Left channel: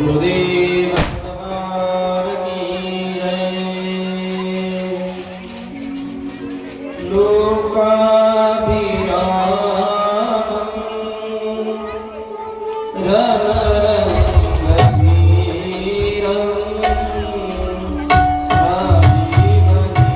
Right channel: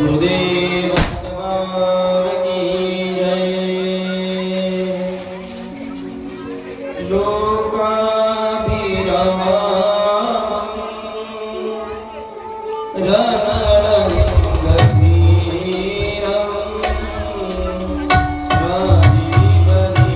गुरुदेव भगवान की जय। लोकाभिरामं रणरङ्गधीरं राजीवनेत्रं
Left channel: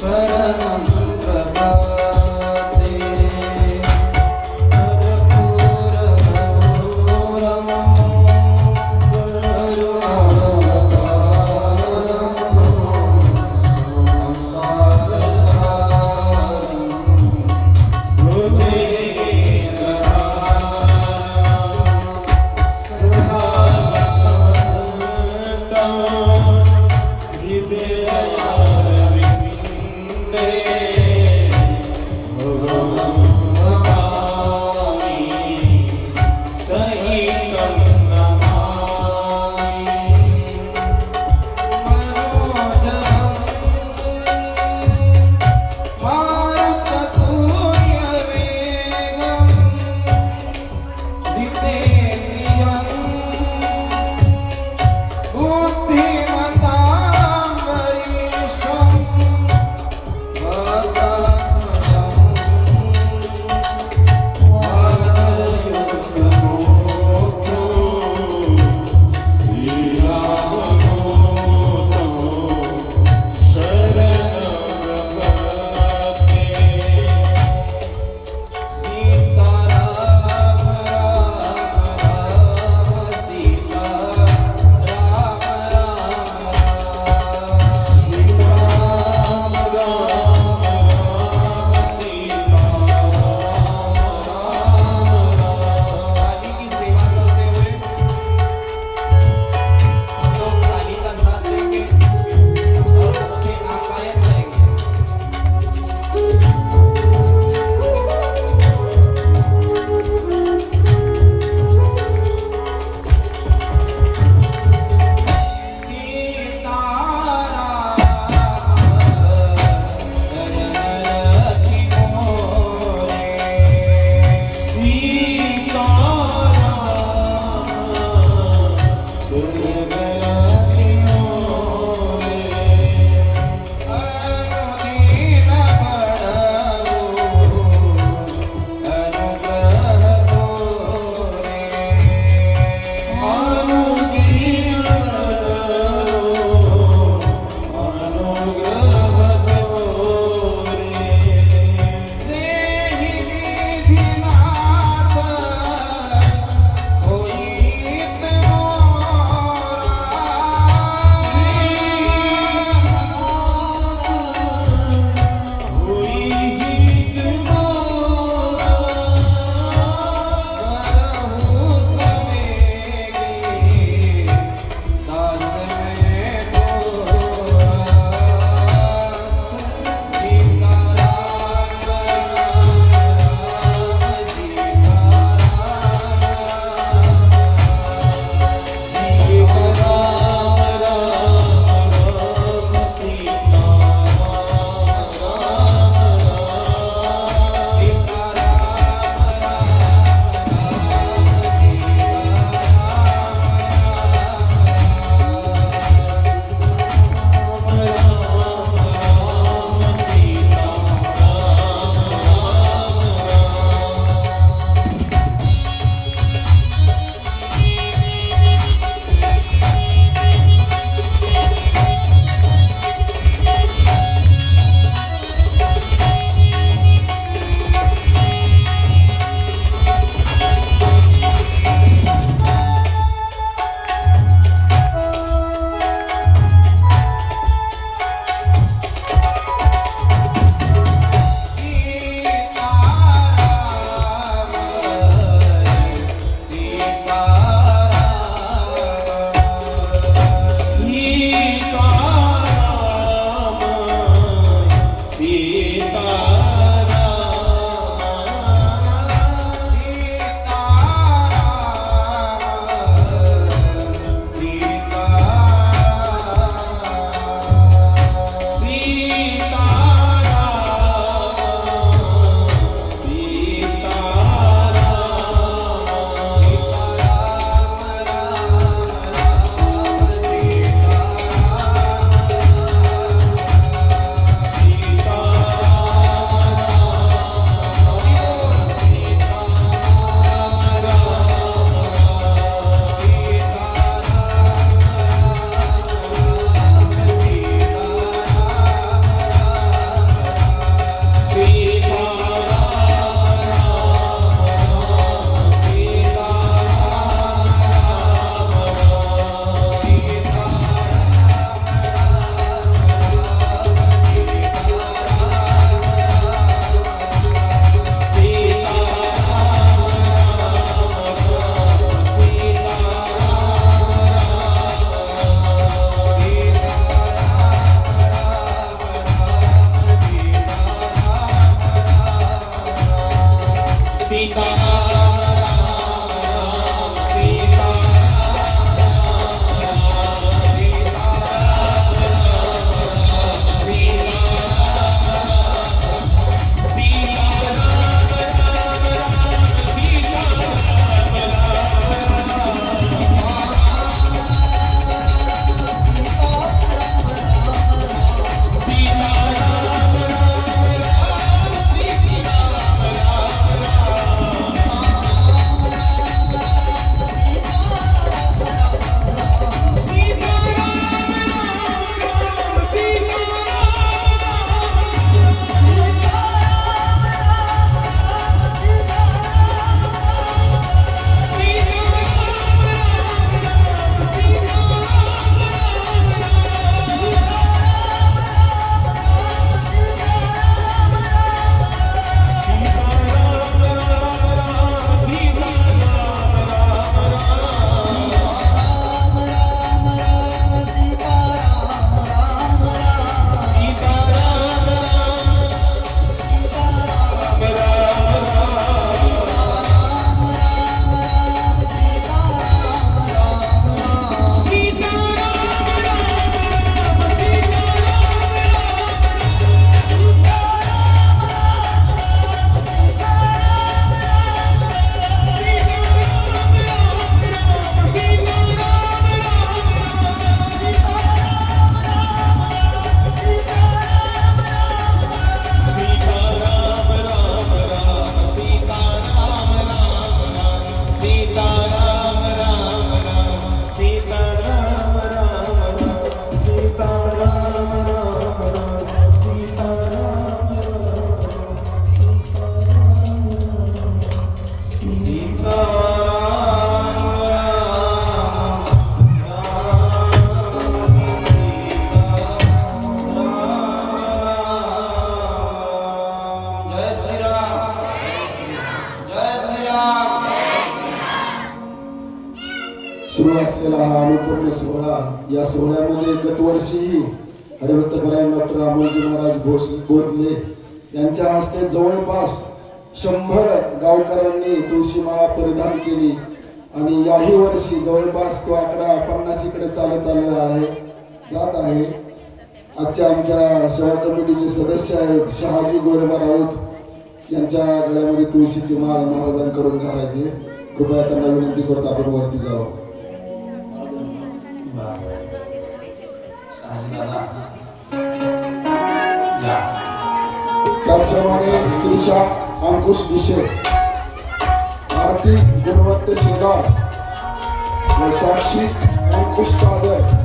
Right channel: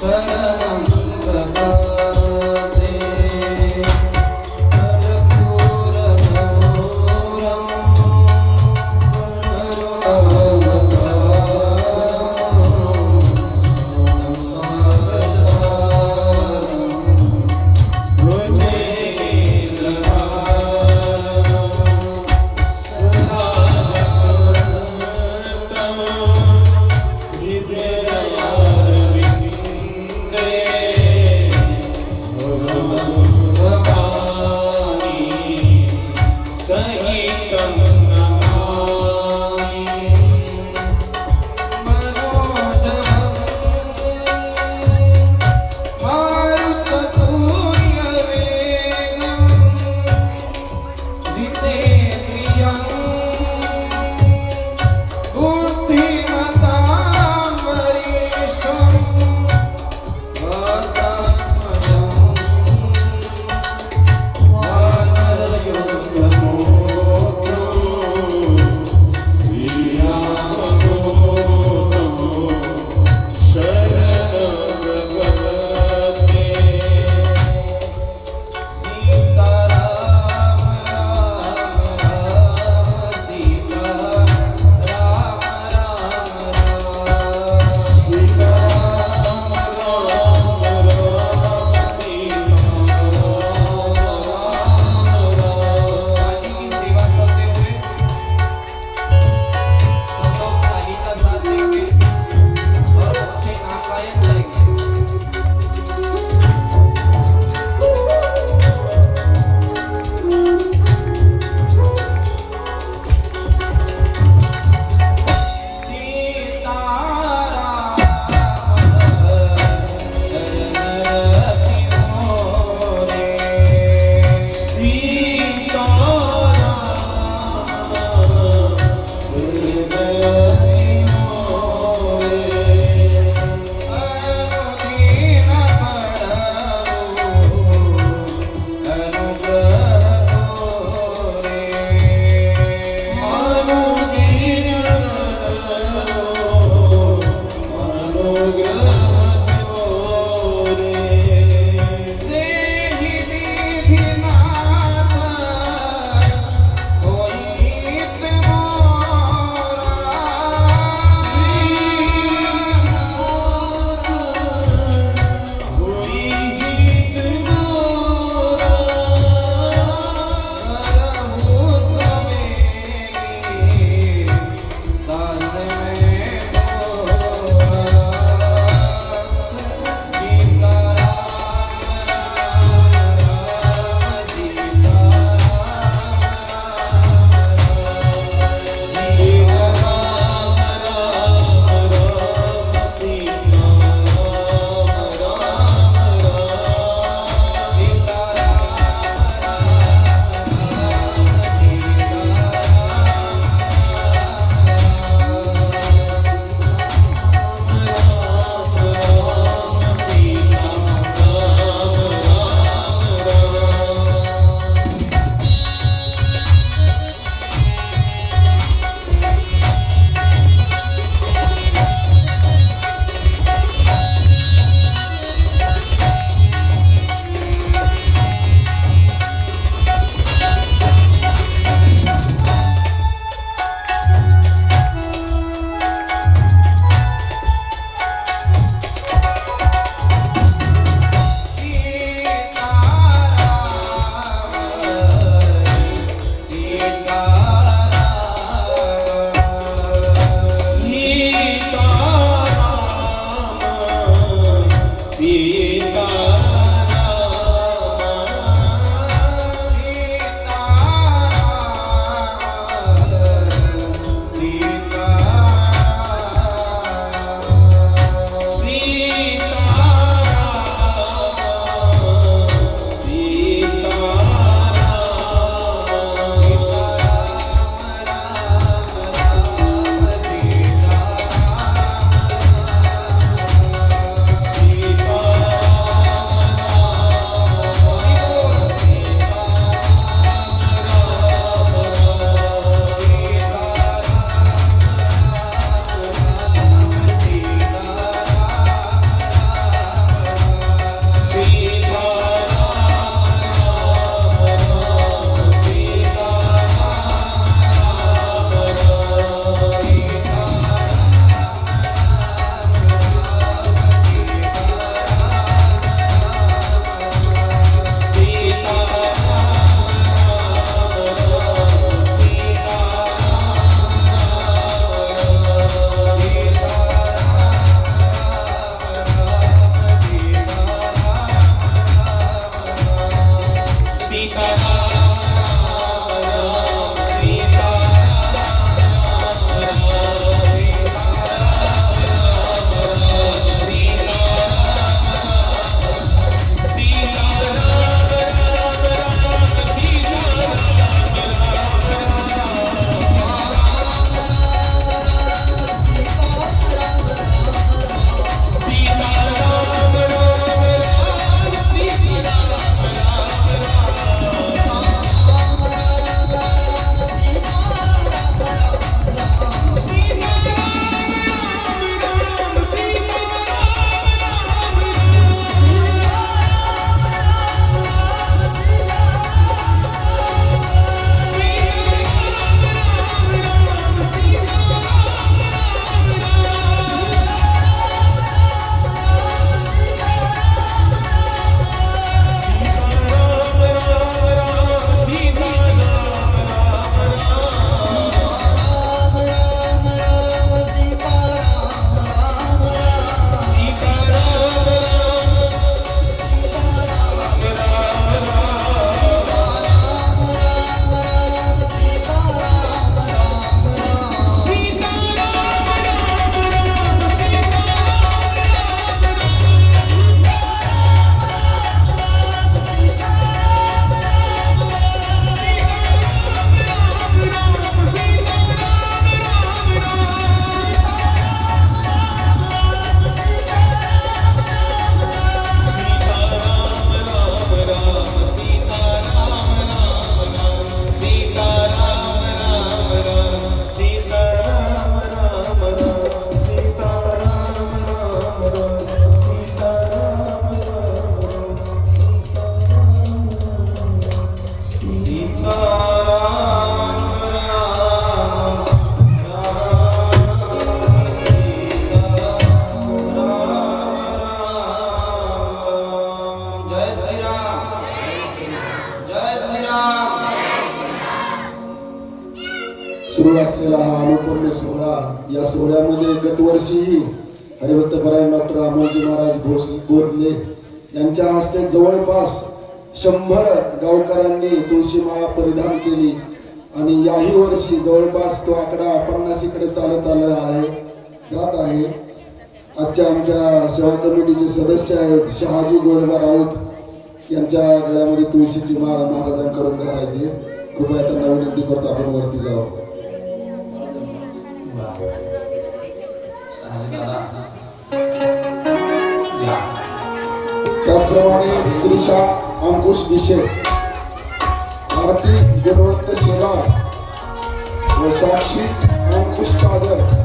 Shri सोहळा, या सोहळ्यामध्ये गतवर्षीही हरिभक्तपरायण डॉक्टर अमोलजी महाराज बोधले यांच्या हस्ते जवळपास 100 गावकऱ्यांनी तुळशी माळा परिधान केली आणि याही वर्षी जवळपास तो आकडा 50 कडे चालत आलेला आहे, जात आहे. आजच्या आमच्या सेवा कमिटीचे सदस्य आहेत शहाजी गोरबा राऊत यांच्या गळ्यामध्ये तुळशीची माळ महाराजांकडून घालायची. कृपया त्यांना विनंती करतो आपण वरती जावं. त्याचप्रमाणे श्रीशा अंकुश विषय, आरती गुणवंत शेगाव व साक्षी अंकुश कादर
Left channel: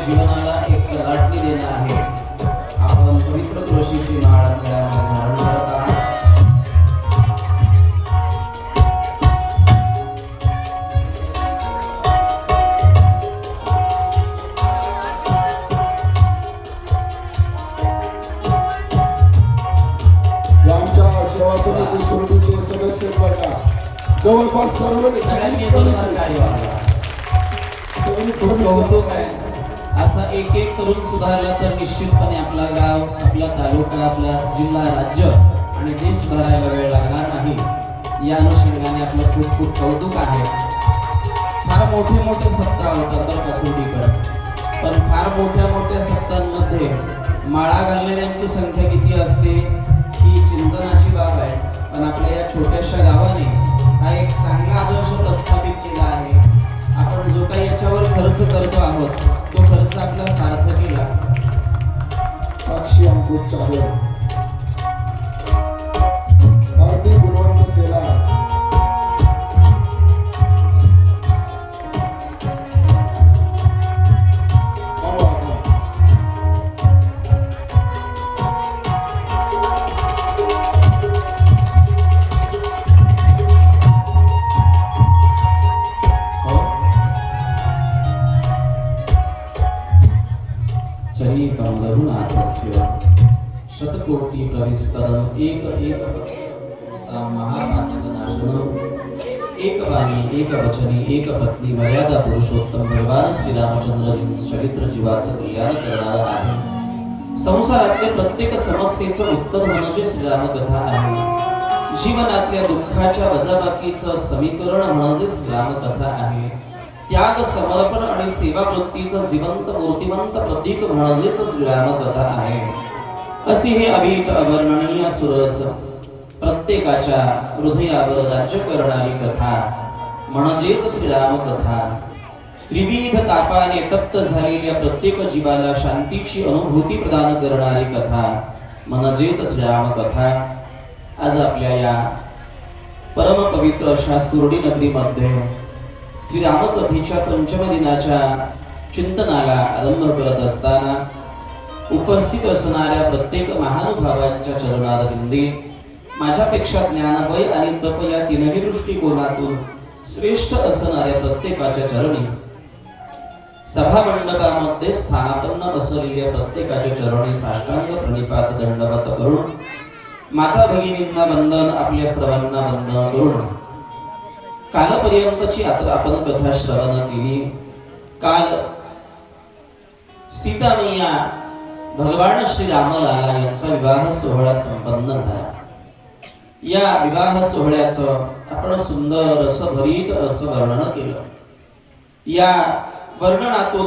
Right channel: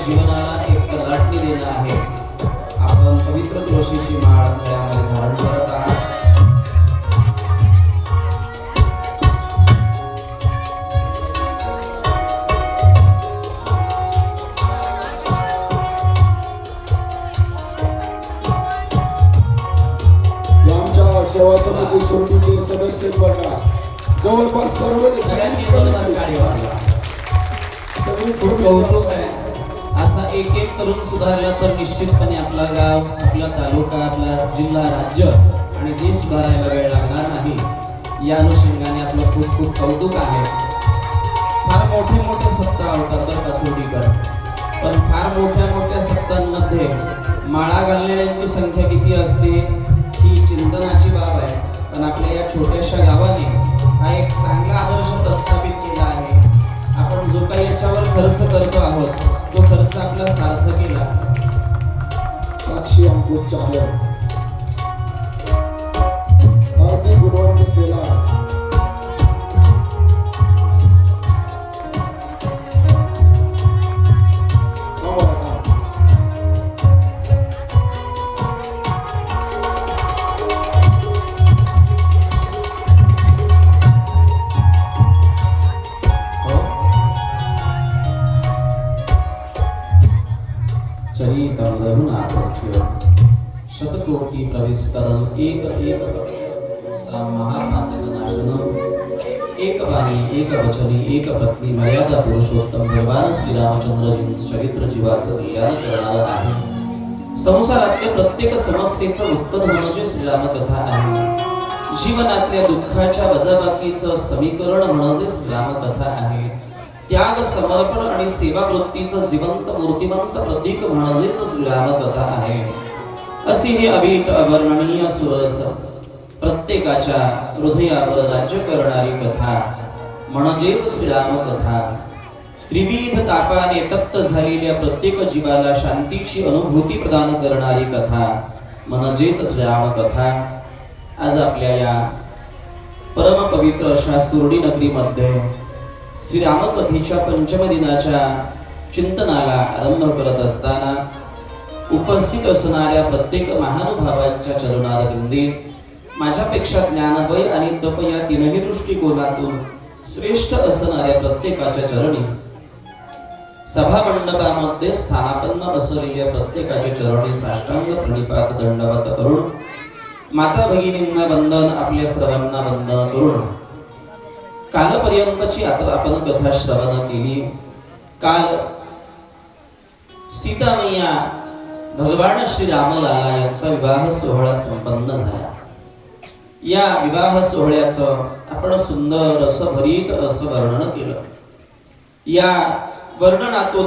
जीवनाला एक तलाटणी देणं आहे. आपण पवित्र तुळशीची माळ गळ्यामध्ये धारण करत आहात. या आमच्या सेवा समिती सुरडीचे सदस्य बघा, जवळपास सर्वच कौतुक आहे. असा एक एक करून सुधारला तर निश्चितपणे आपला गाव, आपला तालुका, आपला जिल्हा, राज्य आणि देश सुधारायला वेळ लागणार नाही. या अनुषंगाने आपलं खूप खूप कौतुक आहे. फार मोठे मोठे सप्ताह होतात बरं का सोडीकर, पण फार मोठ्या मोठ्या सप्ताहांमध्ये माळा घालणाऱ्यांची संख्या किती असते ही चिंतनाची बाब आहे. पण आपल्या या छोट्याशा गावाने हा एक चांगला आदर्श प्रस्थापित केला आहे. आपण जो काही याच्यावर खर्च करतो आहोत तो खर्च आपला सार्थ केला. साक्षी अंकुश चादर, आरती गुणवंत सेला, चरितं रघुनाथस्य शतकोटि प्रविस्तरं एक एक सा महापातकनाशनम् एक वाणी एक वचनी एक पत्नी मर्यादा पुरुषोत्तम भगवान श्रीरामचंद्रजींचं चरित्र जीवाचं कल्याण करणारं आहे. संसारातल्या प्रत्येक समस्येचं उत्तर म्हणजे श्रीरामकथा आहे. जीवनातल्या दुःखाच्या वजाबाकीचं समीकरण म्हणजे श्रीरामकथा आहे. त्याग, समर्पण आणि सेवा वृत्तीचं जिवंत मूर्तिमंत प्रतीक म्हणजेच श्रीरामकथा आहे. अशी ही अभीट अवर्णनीय सुरस प्रत्येकाच्या हृदयावर राज्य करणारी कथा म्हणजेच श्रीरामकथा. त्रिविध तापाने तप्त झालेल्या प्रत्येक जीवाला शांतीची अनुभूती प्रदान करणारी कथा म्हणजेच श्रीरामकथा. आज आपल्या या परम पवित्र अशा सुरडी नगरीमध्ये श्रीरामकथेच्या पंचम दिनाच्या चिंतनाला आरंभ करत असताना उपस्थित असणाऱ्या प्रत्येक महानुभावांच्या चरणारविंदी माझ्यापेक्षा ज्ञानवय आणि तप या तीनही दृष्टिकोनातून श्रेष्ठ असणाऱ्या प्रत्येकाच्या चरणी, सभा मंडपामध्ये स्थानापन्न असलेल्या प्रत्येकाच्या चरणी साष्टांग प्रणिपात दंडवत करून माता भगिनींना वंदन, आपल्या सर्वांना वंदन करून कालपर्यंतची आता आपण कथा श्रवण केली. काल सीता मैया भगवान श्री रामलाला यांचा विवाह सोहळा संपन्न झाला. या विवाह सोहळ्याचं आपण सुंदर असं भरीत असं वर्णन केलं. या वर्णनातून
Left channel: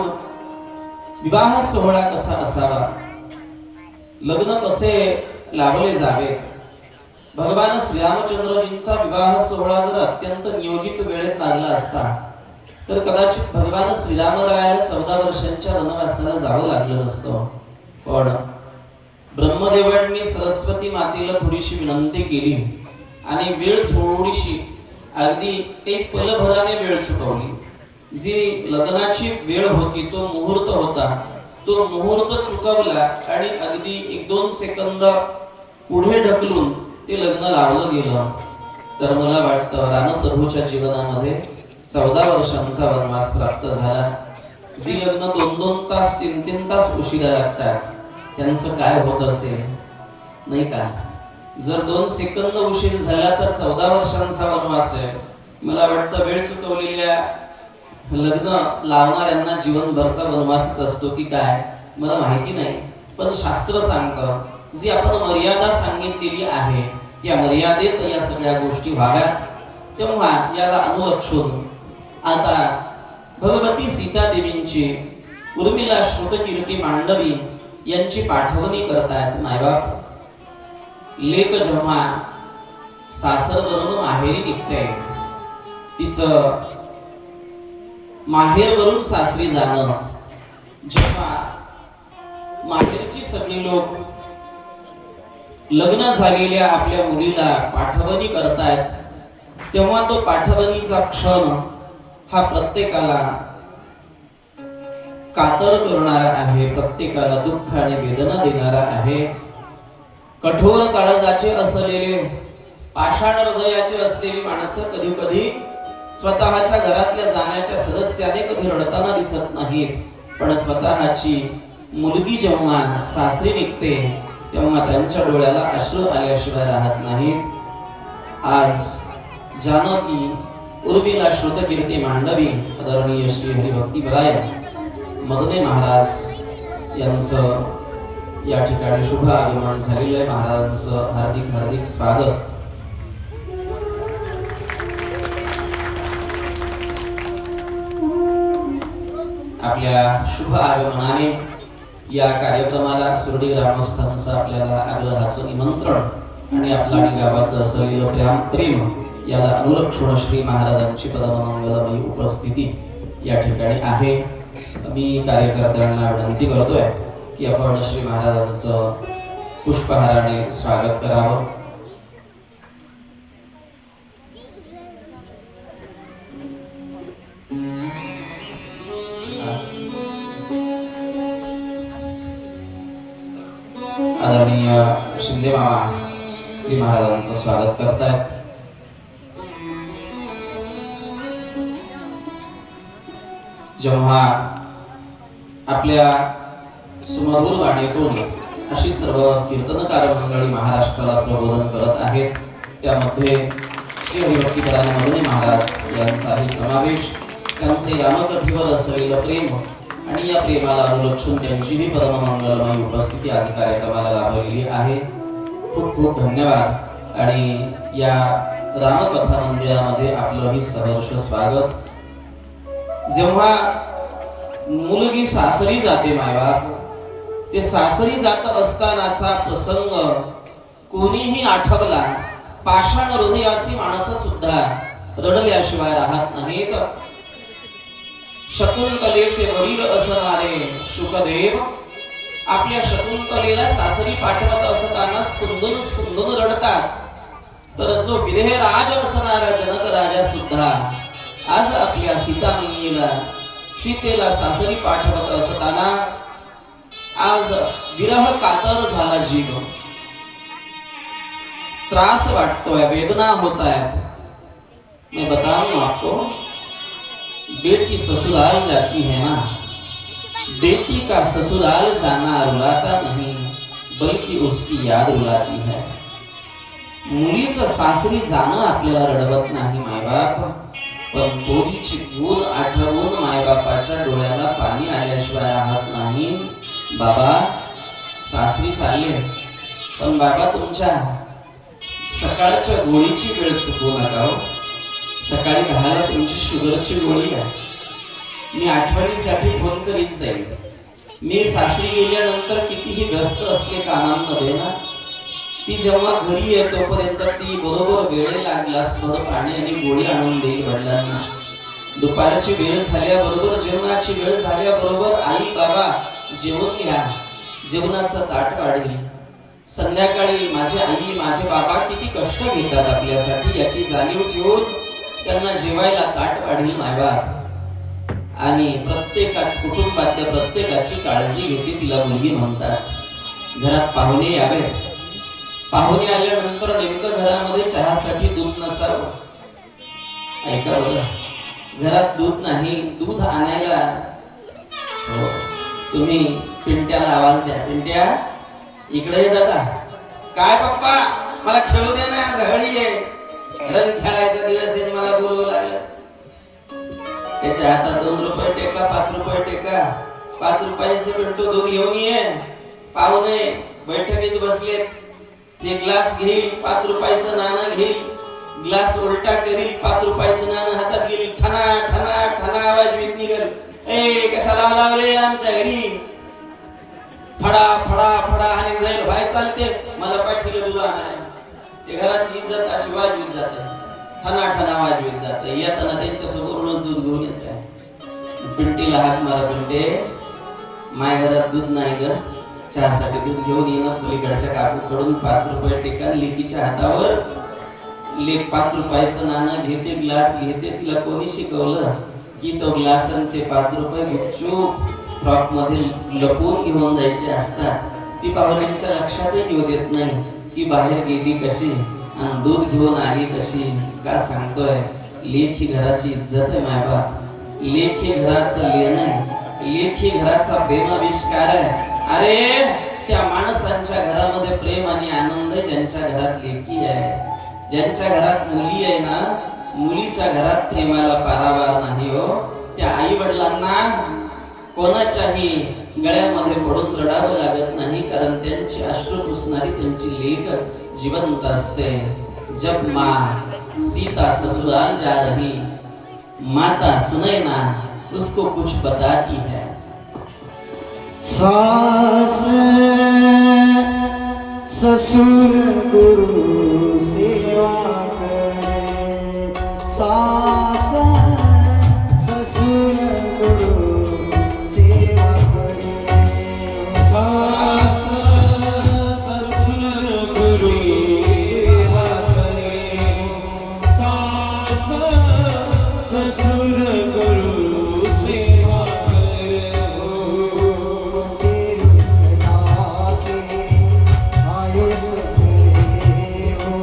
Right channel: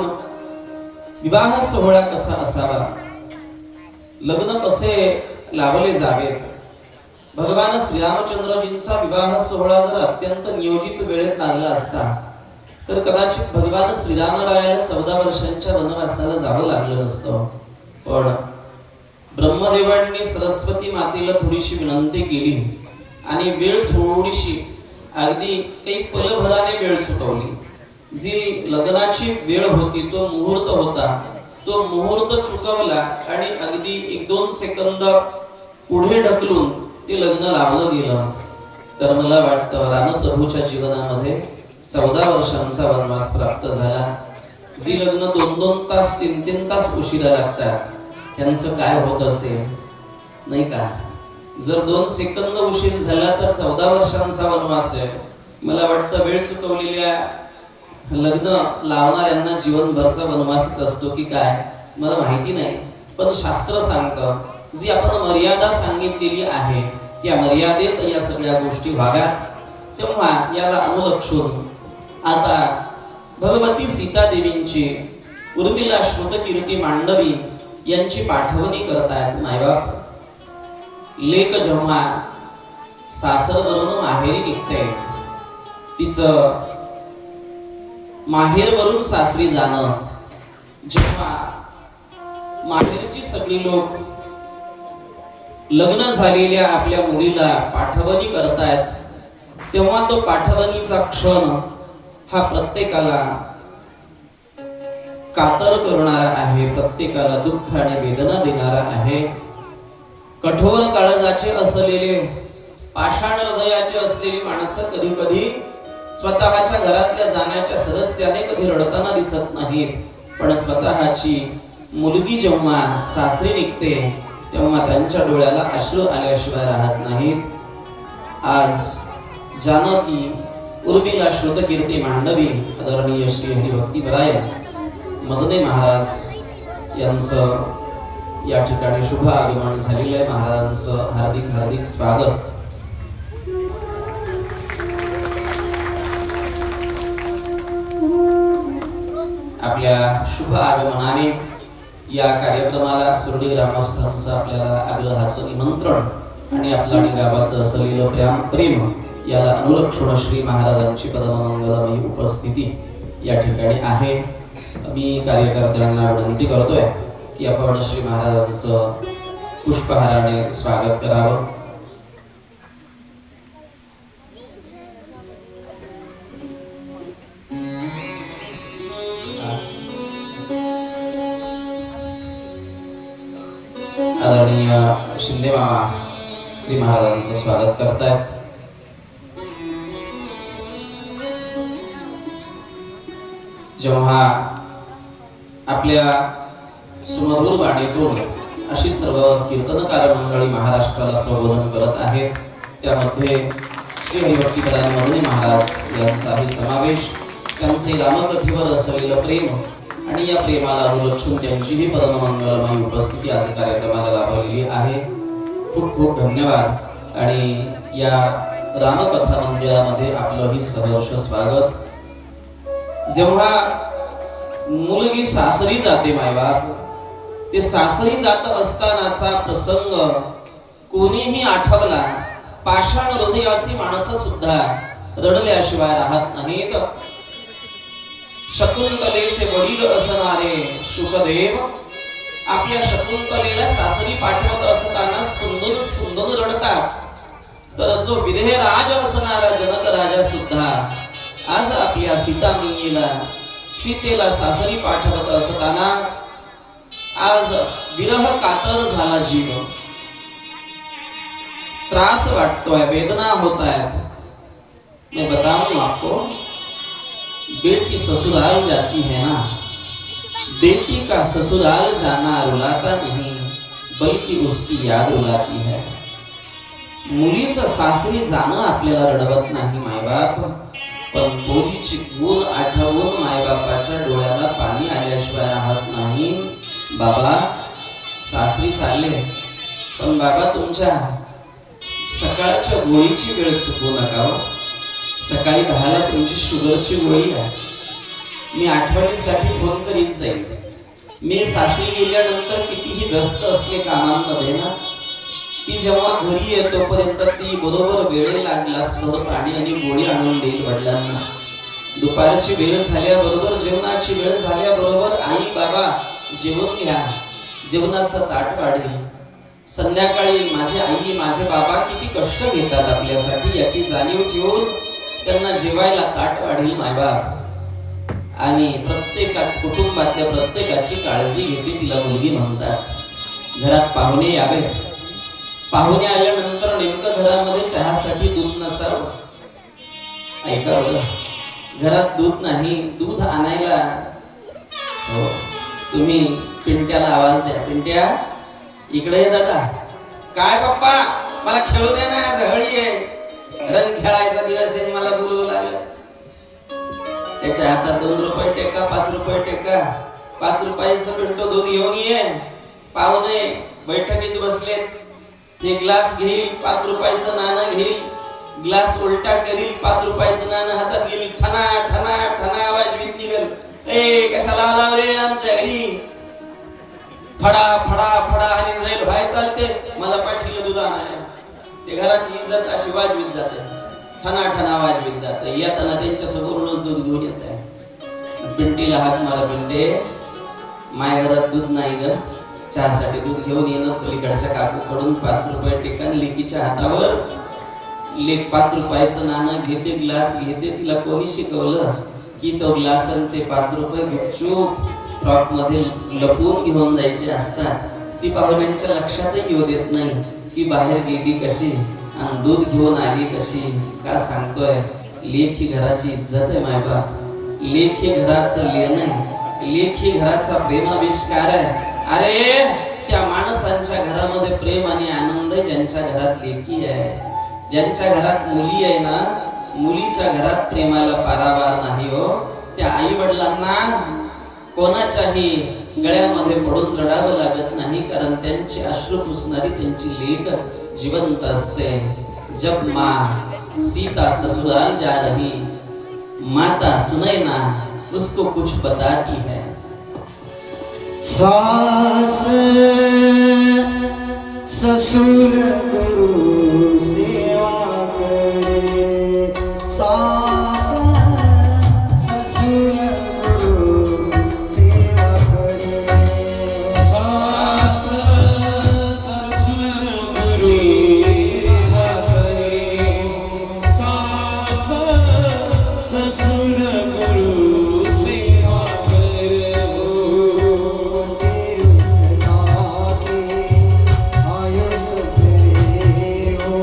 विवाह सोहळा कसा असावा, लग्न कसे लावले जावे, भगवान श्रीरामचंद्रजींचा विवाह सोहळा जर अत्यंत नियोजित वेळेत लागला असता तर कदाचित भगवान श्रीरामरायाला 14 वर्षांच्या वनवासाला जावं लागलं नसतं. पण ब्रह्मदेवांनी सरस्वती मातेला थोडीशी विनंती केली आणि वेळ थोडीशी अगदी काही पलभराने वेळ सुटवली. जी लग्नाची वेळ होती, तो मुहूर्त होता, तो मुहूर्त चुकवला आणि अगदी 1-2 सेकंद पुढे ढकलून ते लग्न लावलं गेलं. तर मला वाटतं रामप्रभूच्या जीवनामध्ये 14 वर्षांचा वनवास प्राप्त झाला. जी लग्न 2-2 तास 3-3 तास उशिरा लागतात त्यांचं काय होत असेल नाही का? जर 2 सेकंद उशीर झाला तर 14 वर्षांचा वनवास आहे. मला वाटतं वेळ चुकवलेल्या लग्न लावणाऱ्यांना जीवनभरचा वनवासच असतो की काय मला माहिती नाही, पण शास्त्र सांगतं जी आपण मर्यादा सांगितलेली आहे त्या मर्यादेत या सगळ्या गोष्टी व्हाव्यात. तेव्हा याला अनुलक्षून आता भगवती सीता देवींची उर्मिला श्रुतकीर्ती मांडवी यांची पाठवणी करतायत मायबाप. लेक जेव्हा सासरवरून माहेरी निघते, तिचं माहेरवरून सासरी जाणं, जेव्हा माहेरची सगळी लोक लग्न झालेल्या आपल्या मुलीला पाठवणी करतायत, तेव्हा तो पाठवणीचा क्षण हा प्रत्येकाला कातर करणारा आहे, प्रत्येकाला दुःख आणि वेदना देणारा आहे. कठोर काळजाचे असलेले, पाषाण हृदयाचे असलेली माणसं कधी कधी स्वतःच्या घरातल्या जाण्याच्या सदस्याने कधी रडताना दिसत नाहीत, पण स्वतःची मुलगी जेव्हा सासरी निघते तेव्हा त्यांच्या डोळ्याला अश्रू आल्याशिवाय राहत नाहीत. आज जानकी उर्मिला श्रुतकीर्ती मांडवी आदरणीय श्री हरिभक्तीपराय मदने महाराज यांचं या ठिकाणी शुभ आगमन झालेलं आहे. महाराजांचं हार्दिक हार्दिक स्वागत. आपल्या शुभ आगमनाने या कार्यक्रमाला सुरडी ग्रामस्थांचं आपल्याला आग्रहाचं निमंत्रण आणि आपल्या आणि गावाचं असलेलं प्रेम याला अनुलक्षून श्री महाराजांची परममंगलमयी उपस्थिती या ठिकाणी आहे. मी कार्यकर्त्यांना विनंती करतोय की आपण श्री महाराजांचं पुष्पहाराने स्वागत करावं. आदरणीय शिंदे मामा श्री महाराजांचं स्वागत करतायत. जेव्हा आपल्या सुमधुर वाणीतून अशी सर्व कीर्तनकार मंडळी महाराष्ट्राला प्रबोधन करत आहेत, त्यामध्ये श्री हरिभक्तीपरायण मदनी महाराज यांचाही समावेश, त्यांचे रामकथेवर असलेलं प्रेम आणि या प्रेमाला अनुलक्षून त्यांचीही परममंगलमयी उपस्थिती आज कार्यक्रमाला लाभलेली आहे. खूप खूप धन्यवाद आणि या रामकथा मंदिरामध्ये आपलंही सहर्ष स्वागत. जेव्हा मुलगी सासरी जाते मायबाप, ते सासरी जात असतानाचा प्रसंग कोणीही आठवला, पाषाण हृदयाची माणसं सुद्धा रडल्याशिवाय राहत नाहीत. शकुंतलेचे वडील असणारे शुकदेव आपल्या शकुंतलेला सासरी पाठवत असताना स्पंदून स्पंदून रडतात. तर जो विदेहराज असणारा जनक राजा सुद्धा आज आपल्या सीतेला सासरी पाठवत असताना आज विरह कातर झाला जीव. त्रास वाटतोय, वेदना होत आहेत. मैं बताऊं आपको, बेटी ससुराल जाती है ना, बेटी का ससुराल जाना रुलाता नहीं बल्कि उसकी याद रुलाती है. मुलीचं सासरी जाणं आपल्याला रडवत नाही मायबाप, पण पोरीची गुण आठवून मायबापाच्या डोळ्याला पाणी आल्याशिवाय राहत नाही. बाबा सासरी चालले, पण बाबा तुमच्या सकाळच्या गोळीची वेळ चुकवू नका. सकाळी 10ला तुमची शुगरची गोळी आहे. मी आठवणीसाठी फोन करीत जाईल. मी सासरी गेल्यानंतर कितीही व्यस्त असले कामांमध्ये ना, ती जेव्हा घरी येतो पर्यंत ती बरोबर वेळेला ग्लासभर पाणी आणि गोळी आणून देईल वडिलांना. दुपारची वेळ झाल्याबरोबर, जेवणाची वेळ झाल्याबरोबर आई बाबा जेवून घ्या, जेवणाचं ताट वाढेल. संध्याकाळी माझी आई माझे बाबा किती कष्ट घेतात आपल्यासाठी याची जाणीव ठेवून त्यांना जेवायला ताट वाढील मायबाप आणि कुटुंबातल्या प्रत्येकाची काळजी घेते तिला मुलगी म्हणतात. घरात पाहुणे यावेत. पाहुणे आल्यानंतर नेमकं घरामध्ये चहासाठी दूध नसावं. ऐका बरं, घरात दूध नाही. दूध आणायला हो तुम्ही पिंट्याला आवाज द्या. पिंट्या इकडे ये दादा. काय पप्पा मला खेळू दे ना, झगडी आहे, रंग खेळायचा दिवस आहे, मला बोलवू लागलं. त्याच्या हातात 2 रुपये टेका, 5 रुपये टेका, 5 रुपयाचं पिंटो दूध घेऊन ये. पाहुणे बैठकीत बसलेत. ते ग्लास घेईल, 5 रुपयाचं नाणं घेईल, ग्लास उलटा करील, 5 रुपयाचं नाणं हातात घेईल, ठना ठना ठना आवाज भीत निघेल. ए कशाला आला रे आमच्या घरी? फडा फडा फडा आणि जाईल व्हाय चालते, मला पाठीला दूध आणायला. ते घराची इज्जत अशी वाजवीत जाते, ठना ठना वाजवीत जाते. येताना त्यांच्या समोरूनच दूध घेऊन येत आहे. पिंटीला हात मारा. पिंटे माझ्या घरात दूध नाही ग, चहासाठी दूध घेऊन येणं. पलीकडच्या काकूकडून 5 रुपये टेका. लेकीच्या हातावर लेक 5 रुपयाचं नाणं घेते, ग्लास घेते. तिला कोणी शिकवलं की तो ग्लास आणि ते 5 रुपये गुपचूप फ्रॉक मध्ये लपवून घेऊन जायचे असतात. ती पाहुण्यांच्या लक्षातही येऊ देत नाही की बाहेर गेली कशी आणि दूध घेऊन आली कशी. का सांगतोय? लेख ही घराची इज्जत आहे मायबाप. लेख ही घराचं लेण आहे. लेख ही घराचा प्रेमाविष्कार आहे. अरे त्या माणसांच्या घरामध्ये प्रेम आणि आनंद ज्यांच्या घरात लेखी आहे, ज्यांच्या घरात मुली आहे ना, मुलीच्या घरात प्रेमाला पारावार नाही हो. त्या आई वडिलांना कोणाच्याही गळ्यामध्ये पडून रडावं लागत नाही, कारण त्यांचे अश्रू पुसणारी त्यांची लेक जिवंत असते. जब माँ सीता ससुराल जा रही, माता सुनैना उसको कुछ बताती है. सास ससुर गुरु सेवा करे, सास ससुर गुरु सेवा करे, सास ससुर गुरु सेवा करे, सास ससुर गुरु सेवा करे. तेरुना के आयुष फेरो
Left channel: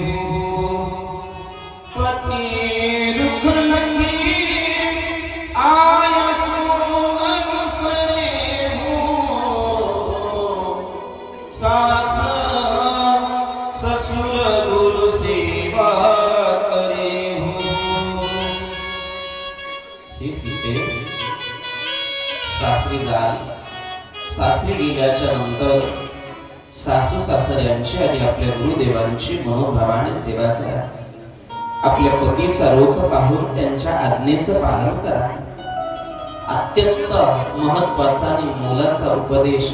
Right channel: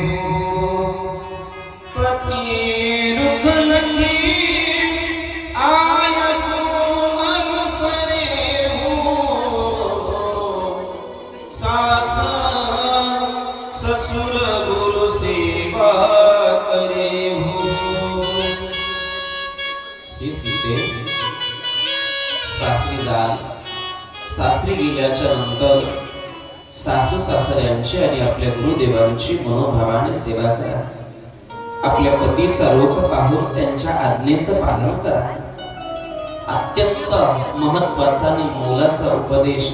हो पती रुख नखी आया अनुसरे हो सास ससुर गुरु सेवा करे हो। ही सीते सासरी जाल, सासरी गेल्याच्या नंतर सासू सासऱ्यांची आणि आपल्या गुरुदेवांची मनोभावाने सेवा करा. आपल्या पतीचा रोख पाहून त्यांच्या आज्ञेचं पालन करा. अत्यंत महत्वाचा आणि मोलाचा उपदेश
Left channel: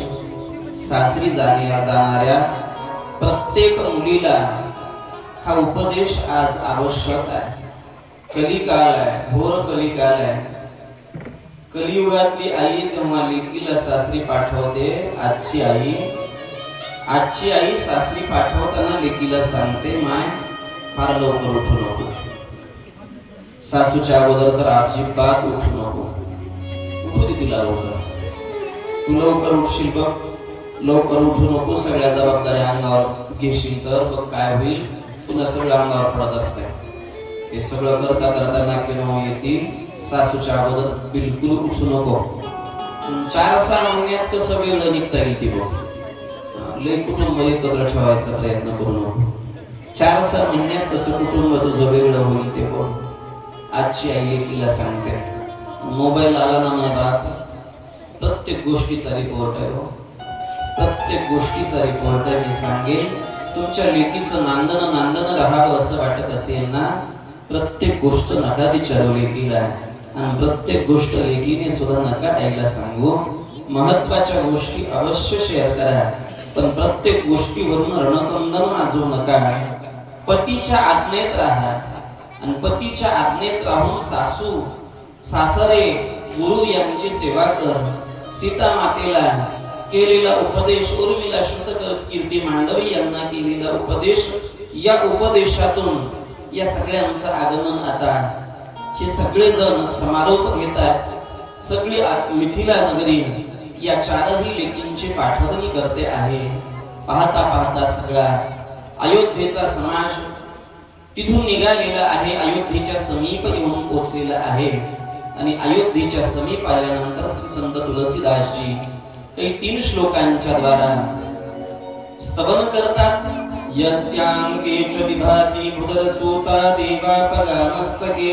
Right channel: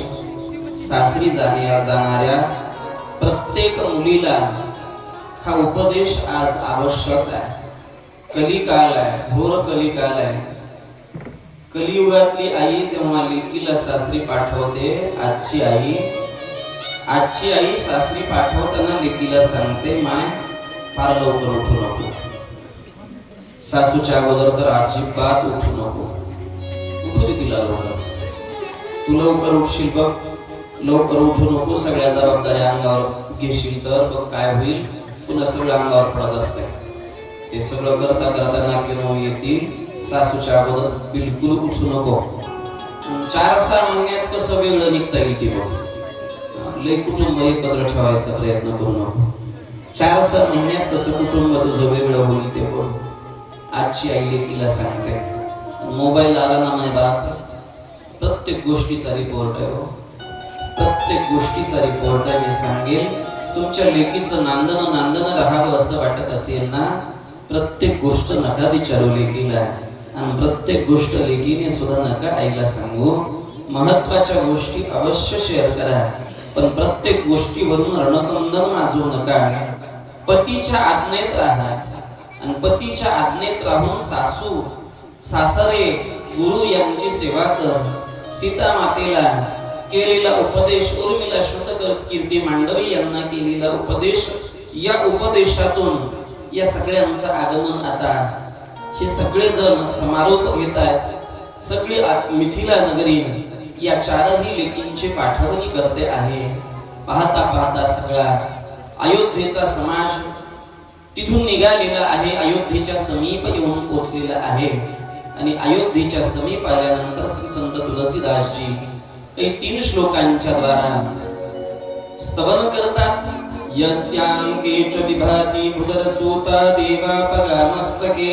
सासरी जाणाऱ्या प्रत्येक मुलीला हा उपदेश आज आवश्यक आहे. कलिकाल आहे, घोर कलिकाल आहे. कलियुगातली आई जेव्हा लेकीला सासरी पाठवते, आजची आई सासरी पाठवताना लेकीला सांगते, माय फार लवकर उठू नको. सासूच्या अगोदर तर अजिबात उठू नको. उठू दे तिला लवकर. तू लवकर उठशील बघ, लवकर उठू नको. सगळ्या जबाबदाऱ्या अंगावर घेशील तर बघ काय होईल. तुला सगळं अंगावर पडत असते. ते सगळं करता करता नाकीनं येतील. सासूच्या अगोदर बिलकुल उठू नको. 4-6 महिन्यात कसं वेगळं निघता येईल ते बघ. लई कुटुंब एकत्र ठेवायचा प्रयत्न करू नको. 4-6 महिन्यात कसं कुटुंब तुझं वेगळं होईल ते बघ. आजची आई लेकीला सांगते, मोबाईल आला ना म्हणे बाप, प्रत्येक गोष्टीचा रिपोर्ट आहे हो. प्रत्येक गोष्टीचा रिपोर्ट आहे. मी सांगेल तुमच्या लेकीचं नांदन राहावं असं वाटत असेल ना, प्रत्येक गोष्ट नका विचारू लेकीला. आणि प्रत्येक गोष्ट लेकीने सुद्धा नका आईला सांगू. महत्वाच्या गोष्टी अवश्य शेअर करा, पण प्रत्येक गोष्टीवरून रणकंदन माजू नका. पतीच्या आज्ञेत राहा. आणि पतीच्या आज्ञेत राहून सासू सासरे गुरु यांची सेवा कर. सीता मातेला केलेला उपदेश, उर्मिला शतकर कीर्ती मांडवी यांना केलेला उपदेश, या उपदेशातून या सगळ्यांचं आगमन आता हे सगळे जण समारोप घेत आहेत. सगळी मिथिला नगरी या 4ही लेकींची पाठवणी करते आहे. पाहता पाहता सगळा अयोध्येचा समाज तिथून निघालेला आहे. अयोध्येच्या समीप येऊन पोहोचलेला आहे. आणि अयोध्येच्या समीप आल्यानंतर श्री संत तुलसीदासजी काही 3 श्लोकांच्या द्वारा स्तवन करतात. यस्यांके च विभाति बुधरसूता देवापगामस्तके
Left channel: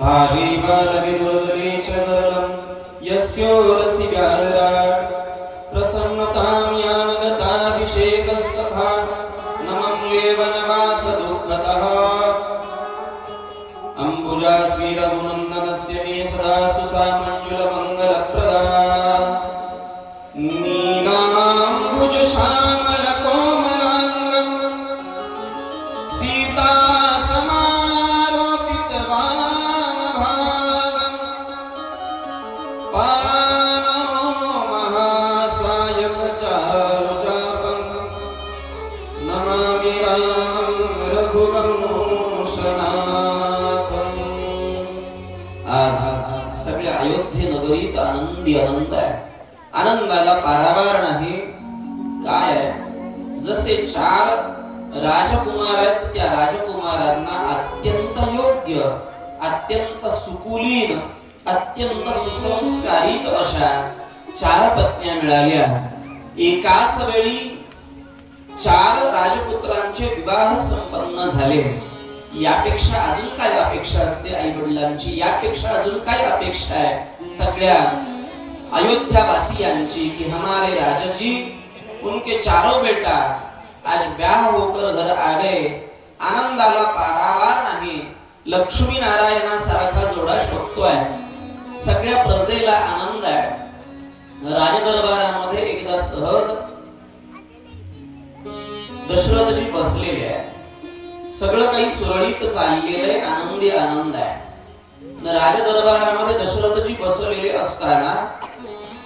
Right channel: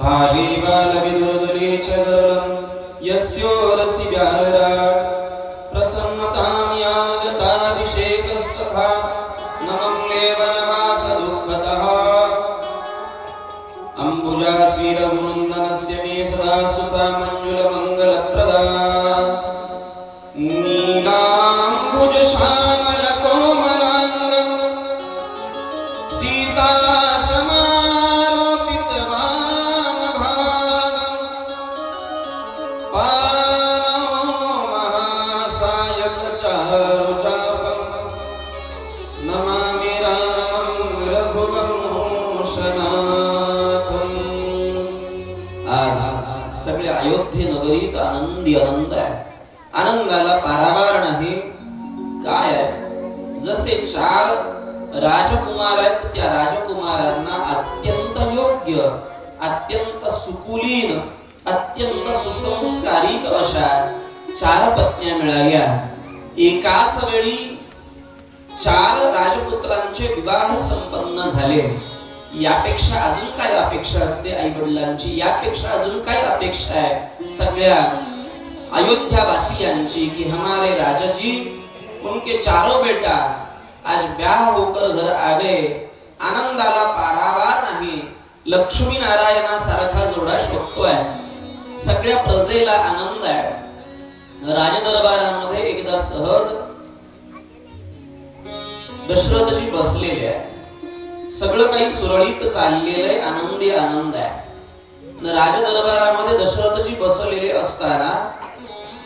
भावे बालविदुर्गले च गरलं यस्योरसि व्यालराट प्रसन्नतां यानगताभिषेकस्तथा नमम्ले वनवास दुःखतः अम्बुजास्वी रघुनन्दनस्य मे सदास्तु सा मञ्जुलमङ्गलप्रदा नीलाम्बुज श्यामल कोमलाङ्गं सीता समालोपित वामभागं पाणौ महासायक चारुचापं नमामि रामं रघुवंशनाथं. आज सगळ्या अयोध्ये नगरीत आनंदी आनंद आहे. आनंदाला पारावार नाही. काय आहे, जसे 4 राजकुमार आहेत, त्या राजकुमारांना अत्यंत योग्य, अत्यंत सुकुलीन, अत्यंत सुसंस्कारित अशा 4 पत्न्या मिळाल्या. एकाच वेळी 4 राजपुत्रांचे विवाह संपन्न झाले. यापेक्षा अजून काय अपेक्षा असते आई वडिलांची? यापेक्षा अजून काय अपेक्षा आहे सगळ्या अयोध्यावासियांची कि हमारे राजा जी उनके 4 बेटा आज ब्याह होकर घर आ गए. आनंदाला पारावार नाही. लक्ष्मी नारायणासारखा जोडा शोधतोय. सगळ्या प्रजेला आनंद आहे. राजदरबारामध्ये एकदा सहज दशरथजी बसलेले आहे. सगळं काही सुरळीत चाललेलं आहे. आनंदी आनंद आहे. राजदरबारामध्ये दशरथजी बसलेले असताना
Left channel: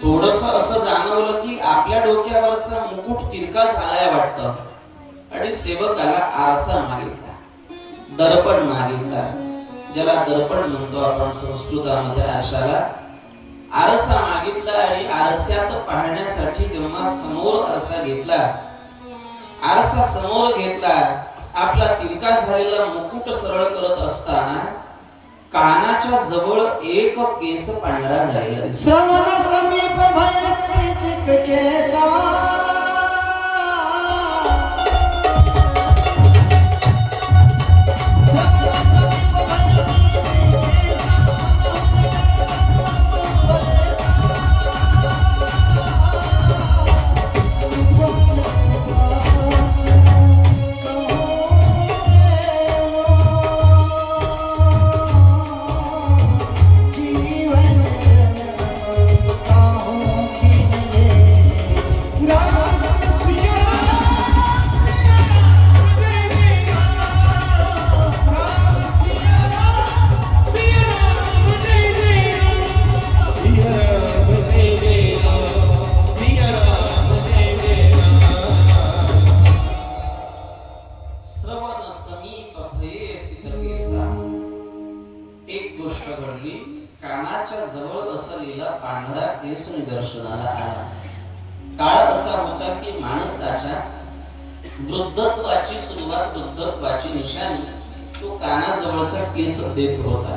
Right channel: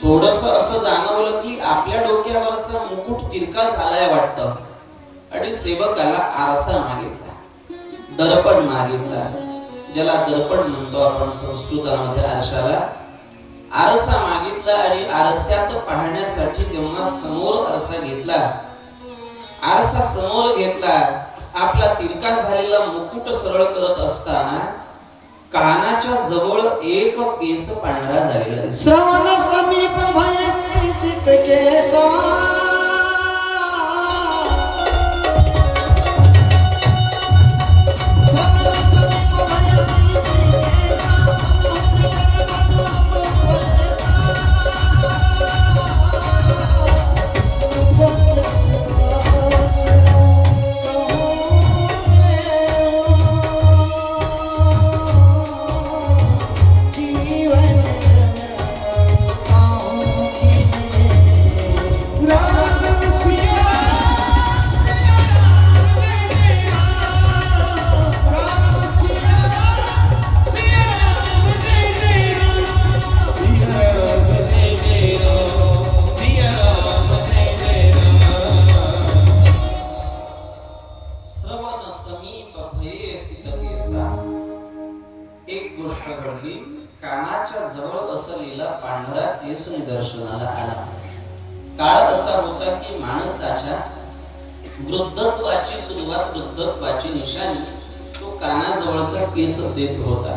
थोडस असं जाणवलं की आपल्या डोक्यावरचा मुकुट तिरका झालाय वाटतं. आणि सेवकाला आरसा मागितला, दर्पण मागितला. ज्याला दर्पण म्हणतो आपण संस्कृतामध्ये आरशाला. आरसा मागितला आणि आरशात पाहण्यासाठी जेव्हा समोर आरसा घेतला, आरसा समोर घेतला आपला तिरका झालेला मुकुट सरळ करत असताना कानाच्या जवळ एक केस पांढरा झालेला दिसला. श्रवण समीप भय चित केसा श्रवण समीप भये सित केसा. एक गोष्ट घडली. कानाच्या जवळ असलेला पांढरा केस निदर्शनाला आला. काळ असा होता की माणसाच्या वृद्धत्वाची सुरुवात, वृद्धत्वाची निशाणी तो कानाजवळचा केस देत होता.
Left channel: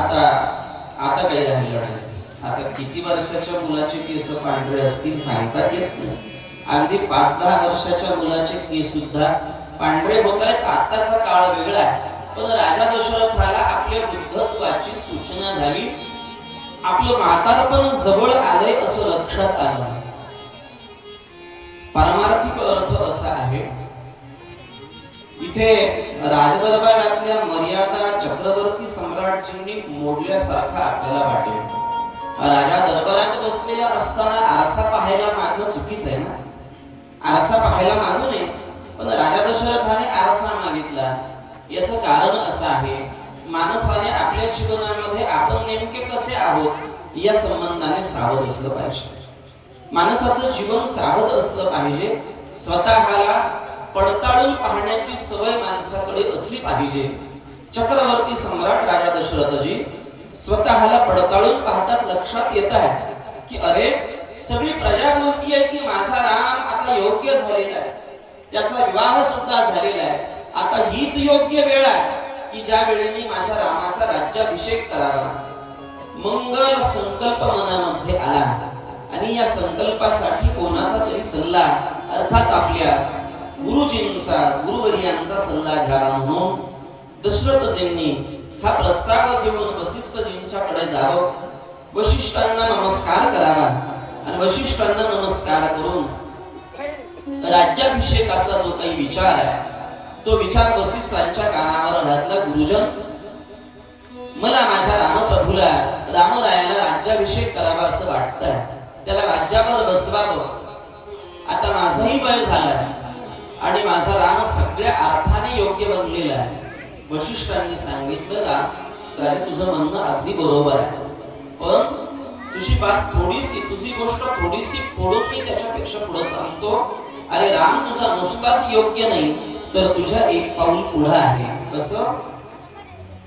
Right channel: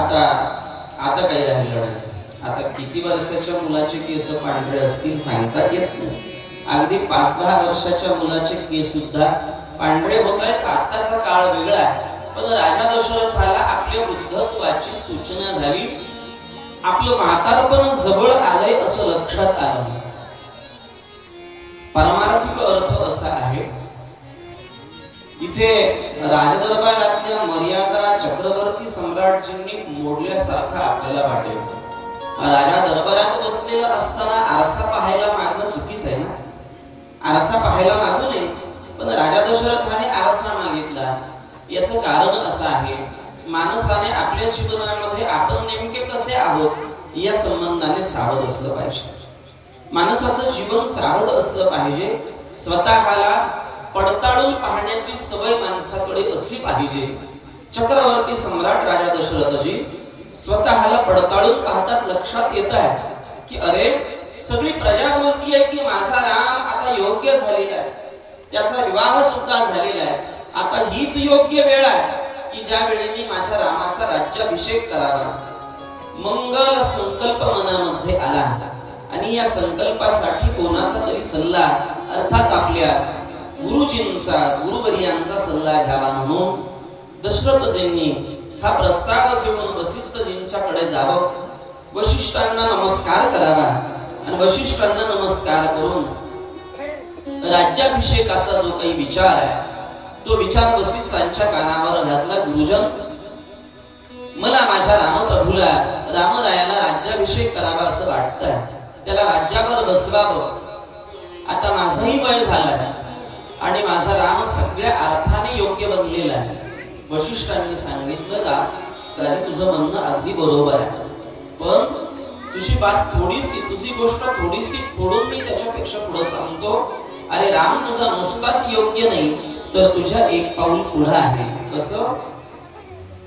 आता काही राहिलं नाही. आता किती वर्षाच्या मुलाचे केस पांढरे असतील सांगता येत नाही. अगदी 5-10 वर्षाच्या मुलाचे केस सुद्धा पांढरे होत आहेत. आताचा काळ वेगळा आहे. पण राजा दशरथाला आपल्या वृद्धत्वाची सूचना झाली. आपलं म्हातारपण जवळ आलंय असं लक्षात आलं. पारमार्थिक अर्थ असा आहे, इथे राजदरबारातल्या मर्यादा चक्रवर्ती सम्राटजींनी मोडल्यासारखं आपल्याला वाटेल. राजा दरबारात बसलेला असताना आरसा पाहायला मागणं चुकीच आहे ना. आरसा पाहायला मागू नये, पण राजा दशरथाने आरसा मागितला. याचं कारण असं आहे, माणसाने आपल्या जीवनामध्ये आपण नेमके कसे आहोत या संबंधाने सावध असलं पाहिजे. माणसाचं जीवन सावध असलं पाहिजे. स्वतःला पडताळून पाहण्याची सवय माणसाकडे असली पाहिजे. चक्रवर्ती सम्राट राजा दशरथजी स्वतःला पडताळून पाहतात. लक्षात येत आहे की अरे, सगळी प्रजा बोलती आहे की माझा राम आता योग्य झालेला आहे, त्याचा विवाह सुद्धा झालेला आहे. आता हीच योग्य वेळ आहे की ज्या वेळी मी माझ्या रामाचा राज्याभिषेक करावा. मंगल संकल्प मनामध्ये आला आणि या संकल्पासाठी कोणाचा तरी सल्ला, अर्थात आपल्या गुरुजींचा, गुरुवर्यांचा सल्ला घ्यावा म्हणून दशरथजींनी हा प्रस्ताव घेऊन वसिष्ठजींच्याकडे जावं. वशिष्ठांना नमस्कार करावा आणि वशिष्ठांना नमस्कार करून राज्याभिषेकाचा जो काही विचार आहे तो विचार वसिष्ठांच्या कानावर घातला. गुरुजन, मला माझ्या रामप्रभूला, रामरायाला राज्याभिषेक करावा असं वाटतंय. त्याला राज्यावर बसवावं. आता माझाही वय झालाय आणि माझा राम सगळ्या अर्थाने योग्य बनलेला आहे. वशिष्ठांनी सांगितलं का, तुझं म्हणणं अगदी बरोबर आहे, पण तुझी बात थोडीशी, तुझी गोष्ट थोडीशी फोडून मी त्याच्यापेक्षा पुढे सांगतो. अरे राम तुझा नुसताच योग्य नाही, तर तुझ्या एक पाऊल पुढे आहे. कसं?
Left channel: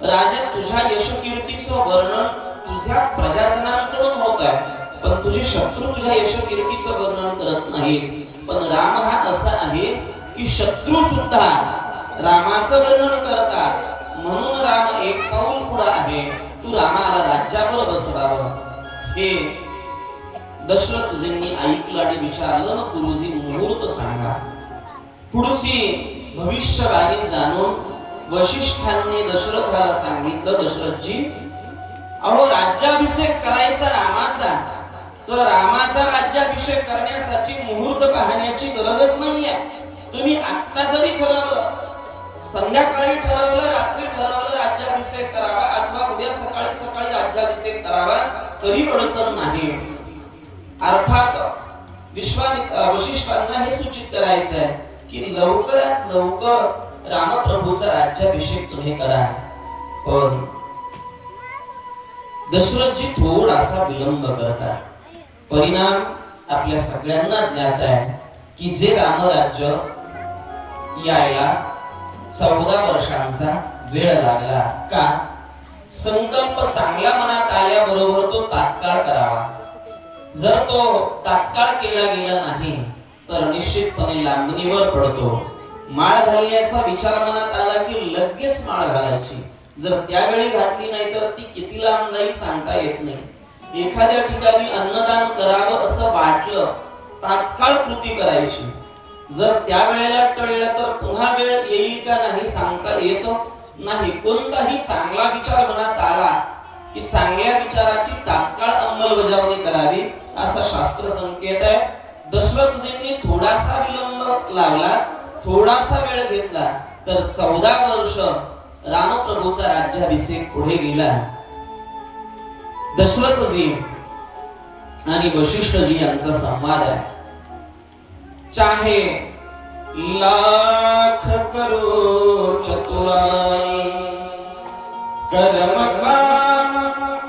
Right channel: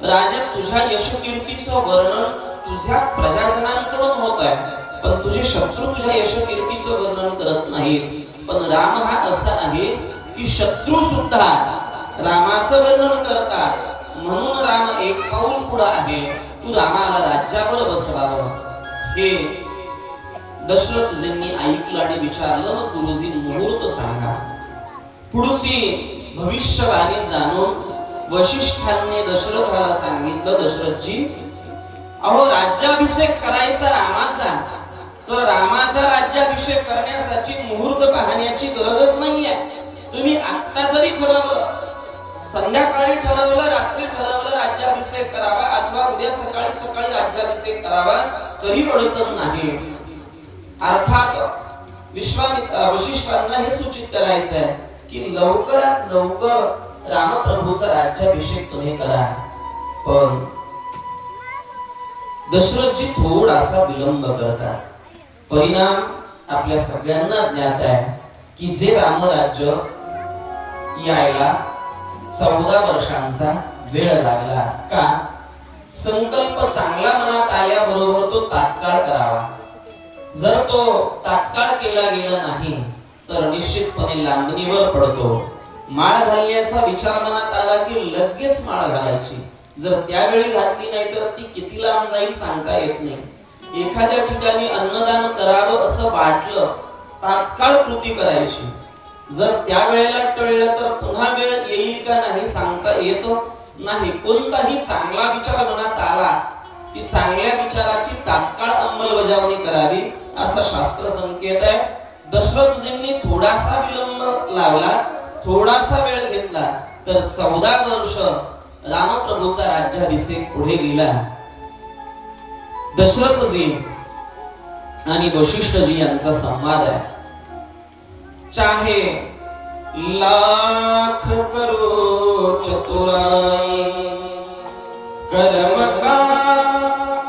राजा, तुझ्या यशकीर्तीचं वर्णन तुझ्या प्रजाजनांकडून होत आहे, पण तुझे शत्रू तुझ्या यशकीर्तीचं वर्णन करत नाहीत. पण राम हा असा आहे की शत्रू सुद्धा रामाचं वर्णन करतात. म्हणून राम एक पाऊल पुढे आहे. तू रामाला राज्यावर बसवावं. हे दशरथजींनी ऐकलं आणि विचारलं, मग गुरुजी मुहूर्त सांगा. पुढची भविष्यवाणी जाणून वशिष्ठांनी दशरथाला सांगितलं, दशरथजी, अहो राज्याभिषेक करायचा रामाचा, तर रामाचा राज्याभिषेक करण्यासाठी मुहूर्त पाहण्याची गरजच नाहीये. तुम्ही आत्ता जरी ठरवलं, संध्याकाळी ठरवलं, रात्री ठरवलं राज्याभिषेक करावा अथवा उद्या सकाळी सकाळी राज्याभिषेक करावा तरी अडचण नाही. अर्थात वशिष्ठांना हे सूचित करायचं आहे की लवकरात लवकर रामप्रभूचा राज्याभिषेक तुम्ही करा. पण दशरथजी थोडासा विलंब करतात. परिणाम आपल्या सगळ्यांना ज्ञात आहे की जे रामराज्य यायला 14 वर्षांचा वेळ लागला. का? संकल्प चांगला मनात आल्याबरोबर तो तात्काळ करावा. जर तो तात्काळ केला गेला नाही तर निश्चितपणे लांबणीवर पडतो. माळ घालण्याचा विचार मनात आला की लगेच माळ घालायची. जर त्यावेळी घातली नाही तर ती किती लांब जाईल सांगता येत नाही. एखाद्या ठिकाणी अन्नदान करावं असं वाटलं तात्काळ कृती करायची. जर त्या वेळेला टळलं तर पुन्हा वेळ येईल का नाही सांगता येत नाही. कोणताही चांगला विचार मनात आला की चांगल्या विचाराची तात्काळ अंमलबजावणी करावी असा शास्त्र संकेत आहे. दशरथजींनी थोडासा विलंब लावला, थोडासा वेळ घेतला तर 14 वर्ष रामप्रभूचा राज्याभिषेक पुढे गेला. दशरथजी आणि वशिष्ठजी यांचा संवाद आहे. चाहे लाख करो चतुराई, कर्म का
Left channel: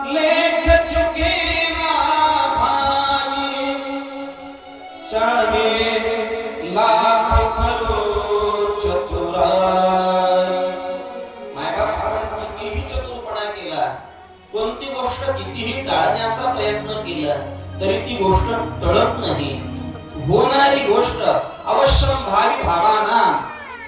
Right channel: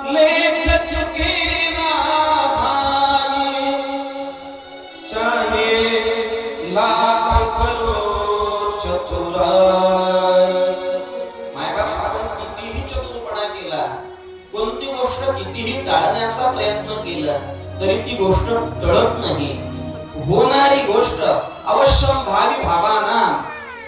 लेख चुके ना भाई. चाहे लाख करो चतुराई. मायबाप आपण कितीही चतुरपणा केला, कोणती गोष्ट कितीही टाळण्याचा प्रयत्न केला तरी ती गोष्ट टळत नाही. होणारी गोष्ट अवश्यम भावी भावानां,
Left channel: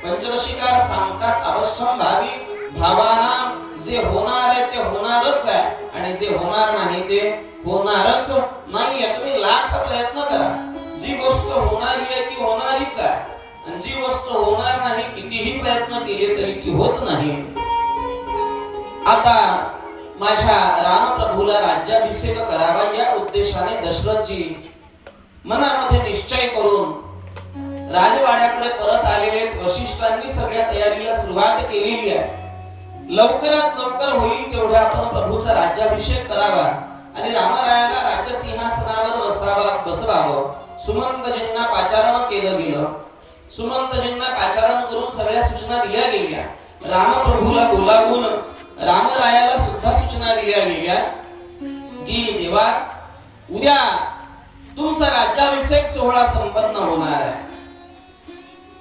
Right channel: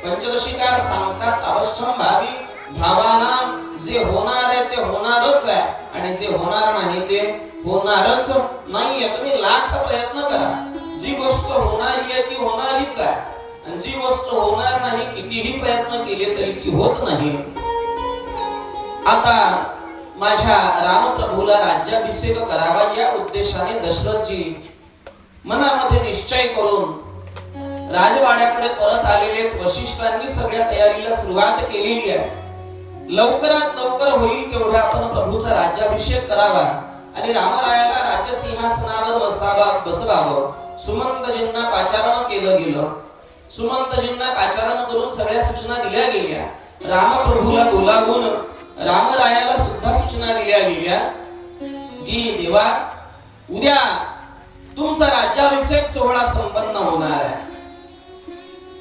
पंचदशीकार सांगतात अवश्यम भावी भावानां. जे होणार आहे ते होणारच आहे आणि जे होणार नाही ते होणारच नाही. तुम्ही लाख प्रयत्न करा, जी गोष्ट होणारी आहे ती होणारीच आहे आणि जी गोष्ट होणार नाही कितीही प्रयत्न केले तरी ती होत नाही. आता माझ्या रामप्रभूला राज्याभिषेक करावा या उद्देशाने दशरथजी मनामध्ये निश्चय करून राजवाड्याकडे परत आलेले. वशिष्ठांनी सगळ्या तयारीला सुरुवात केलेली आहे. लवकरात लवकर होईल तेवढ्या आपण प्रभूचा राज्याभिषेक करावा आणि रामरायाला राज्यसिंहासनावर बसवावं. सुमंतजींना पाचारण केलं गेलं. सुमंतजींना पाचारण करून सगळ्या सूचना दिल्या गेल्या. रामप्रभूला बोलावून रामरायाला सुद्धा सूचना दिल्या गेल्या की देवा उद्या तुमचा राज्याभिषेक सोहळा संपन्न होणार आहे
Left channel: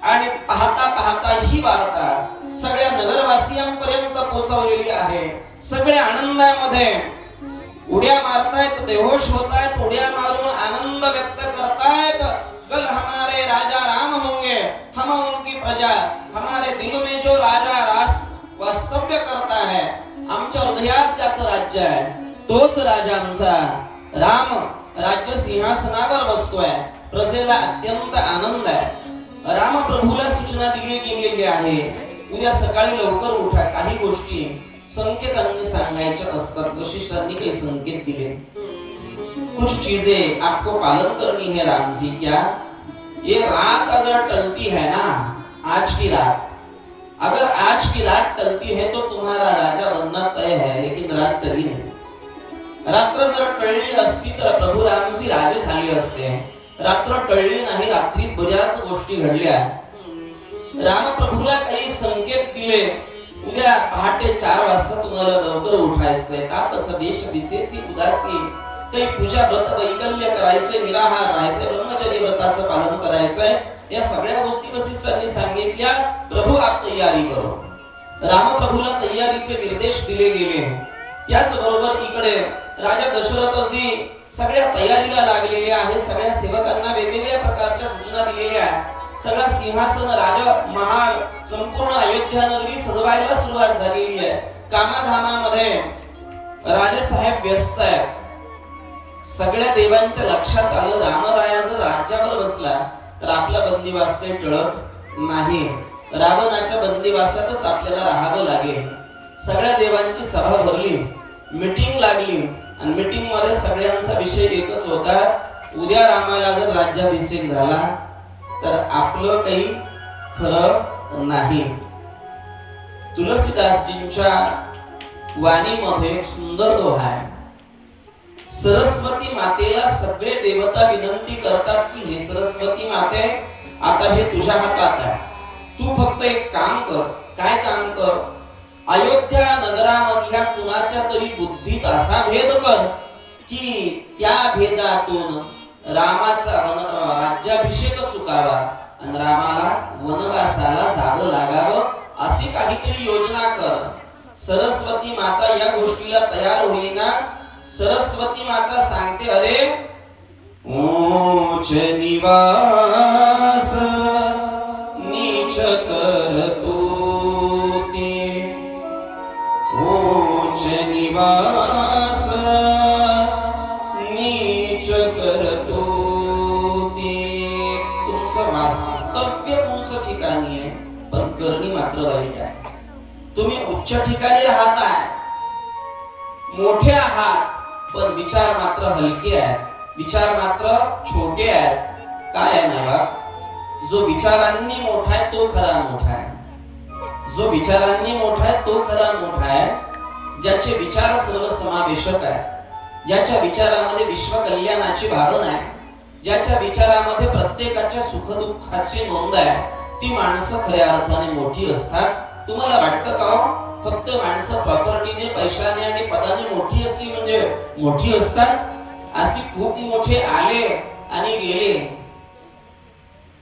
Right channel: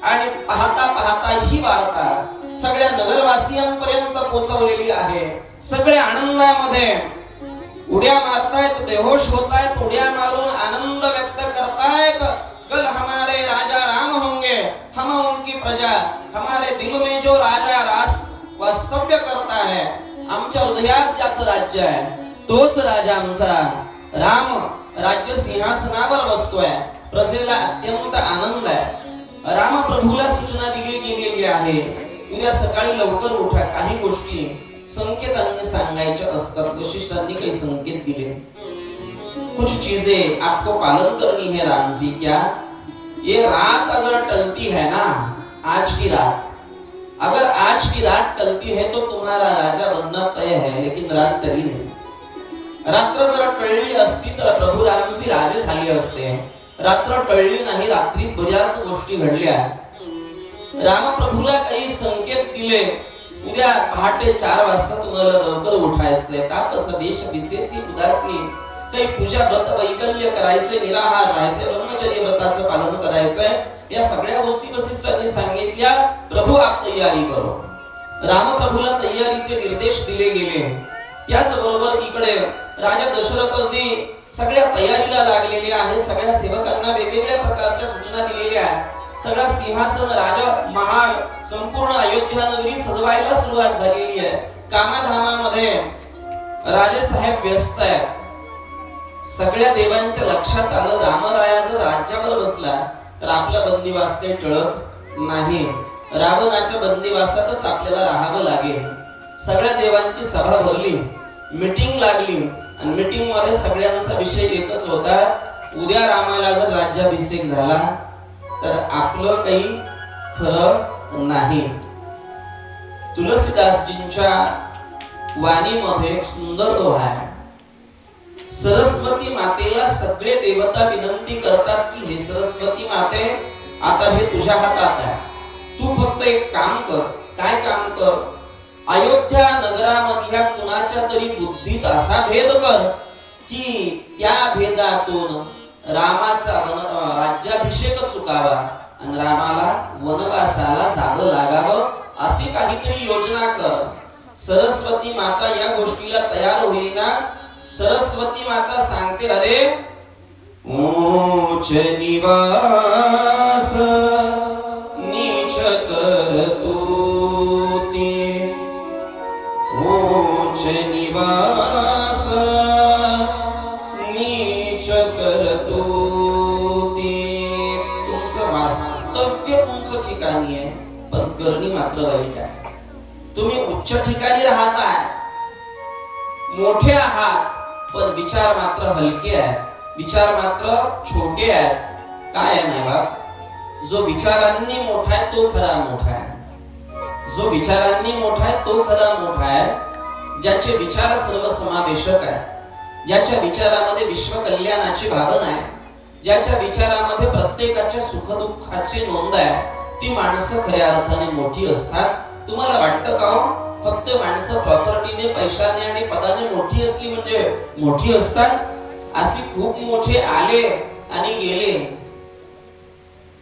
आणि पाहता पाहता ही वार्ता सगळ्या नगरवासियांपर्यंत पोहोचवलेली आहे. सगळे आनंदामध्ये उड्या मारतायत, बेहोश होतायत, उड्या मारून आनंद व्यक्त करतायत. कल हमारे राजा राम होंगे, हम उनकी प्रजा, हमारे दिल में जो राजा रास वास्तव्य करता है, आमच्या हृदयात ज्याचं राज्य आहे तोच राजा आमचा राम राज्य सिंहासनावर बसतोय. प्रजेला अत्यंत आनंद आहे. रामप्रभूला सूचना दिली गेलेली आहे उद्या सकाळी लवकर उठा. काही गोष्टी संकेतांनी सांगायच्या असतात. वशिष्ठांनी काही संकेत दिले. कुछ चीजें आपको पालन करनी है राम जी. क्या ये रात अगर टलती है ना, आज की रात, अगर आज की रात टलती है तो तुम्हारा राजा बनना तय है. लेकिन रात टली नहीं. रात्र जर टळली असती तर प्रभू रामजी राजे झाले असते. रात्र टळली नाही. रात्रीत बऱ्याच गोष्टी घडल्या. रामप्रभूला काही संकेत दिले. उद्या पहाटे 4 वाजता तुम्हाला लवकर उठायचंय. तापस देश विशेषी उदासी, काही पूजा व्रत वैकल्य करायचे, निराहार राहायचे, ब्रह्मचर्य व्रताचं पालन करायचंय. या सगळ्या गोष्टी वसिष्ठांनी सांगितल्या. प्रभू आप तयारी करो. रामप्रभूला तयारीचे निर्देश दिले गेले. त्याचबरोबर इकडे राजा दशरथजी सगळ्या तयारीला लागलेले आहे. सगळ्या सेवकांना वेगवेगळ्या प्रकारच्या सूचना दिलेल्या आहेत. सगळा सिंहासन, राज महाल, संपूर्ण अयोध्या नगरी सजवायला सुरुवात झालेली आहे. कामाधामामध्ये राजेसाहेब व्यस्त आहेत. सगळ्या देवांच्या लक्षात आलं रामराया जर राज्यावर बसला तर आपला बंदिवास काही टळत नाही. रावणाच्या बंदिवासातच आपल्याला राहावं लागेल. सगळ्या देवांची सभा भरली, मीटिंग लागली आणि मीटिंग मध्ये सगळ्यांचा विषय एकच होता, उद्या रामाला जर राज्याभिषेक झाला तर आपलं काही खरं नाही. तुलसीदासजींच्या वाणीमध्ये एक सुंदर दोहा आहे. सरस्वती मातेला सगळे देवता विनंती करतात की हे सरस्वती माते, आता हे तुझ्या हातात आहे. तू फक्त एक काम कर. काय काम कर? अयोध्या नगरामधल्या कुणाच्या तरी बुद्धीत असा भेद कर की त्या भेदातून रामाचा राज्याभिषेक चुकावा आणि रामाला वनवासाला जावं लागावं, अशी काहीतरी योजना कर. सरस्वती माता या गोष्टीला तयार होईना. सरस्वती माता सांगते, अरे ऊंच निवास नीच करतोती उच्च निवास नीच करतोती. तुमचं वास्तव्य उंच ठिकाणी आहे पण करणी मात्र वाईट आहे. तुम्ही उच्च ठिकाणी राहताय, मोठे आहात, पण विचार मात्र हलके आहेत, विचार मात्र छोटे आहेत. काय आहे ना बाप, जो विचारांनी मोठा आहे तो खरा मोठा आहे. जो विचारांनी मोठा आहे तो खरा मोठा आहे. ज्याचे विचार सर्वसमावेशक आहे, ज्याच्या विचारामध्ये विश्व कल्याणाची भावना आहे, ज्याच्या विचारामध्ये प्रत्येकाच्या सुखदुःखाची नोंद आहे, ती माणसं खऱ्या अर्थाने मोठी असतात. तुम्हाला वाटतं का हो फक्त माणसं प्रॉपर्टीने, पैशाने आणि पदाने मोठी असली म्हणजे मोठी असतात? अशी खूप मोठे आले आणि गेले.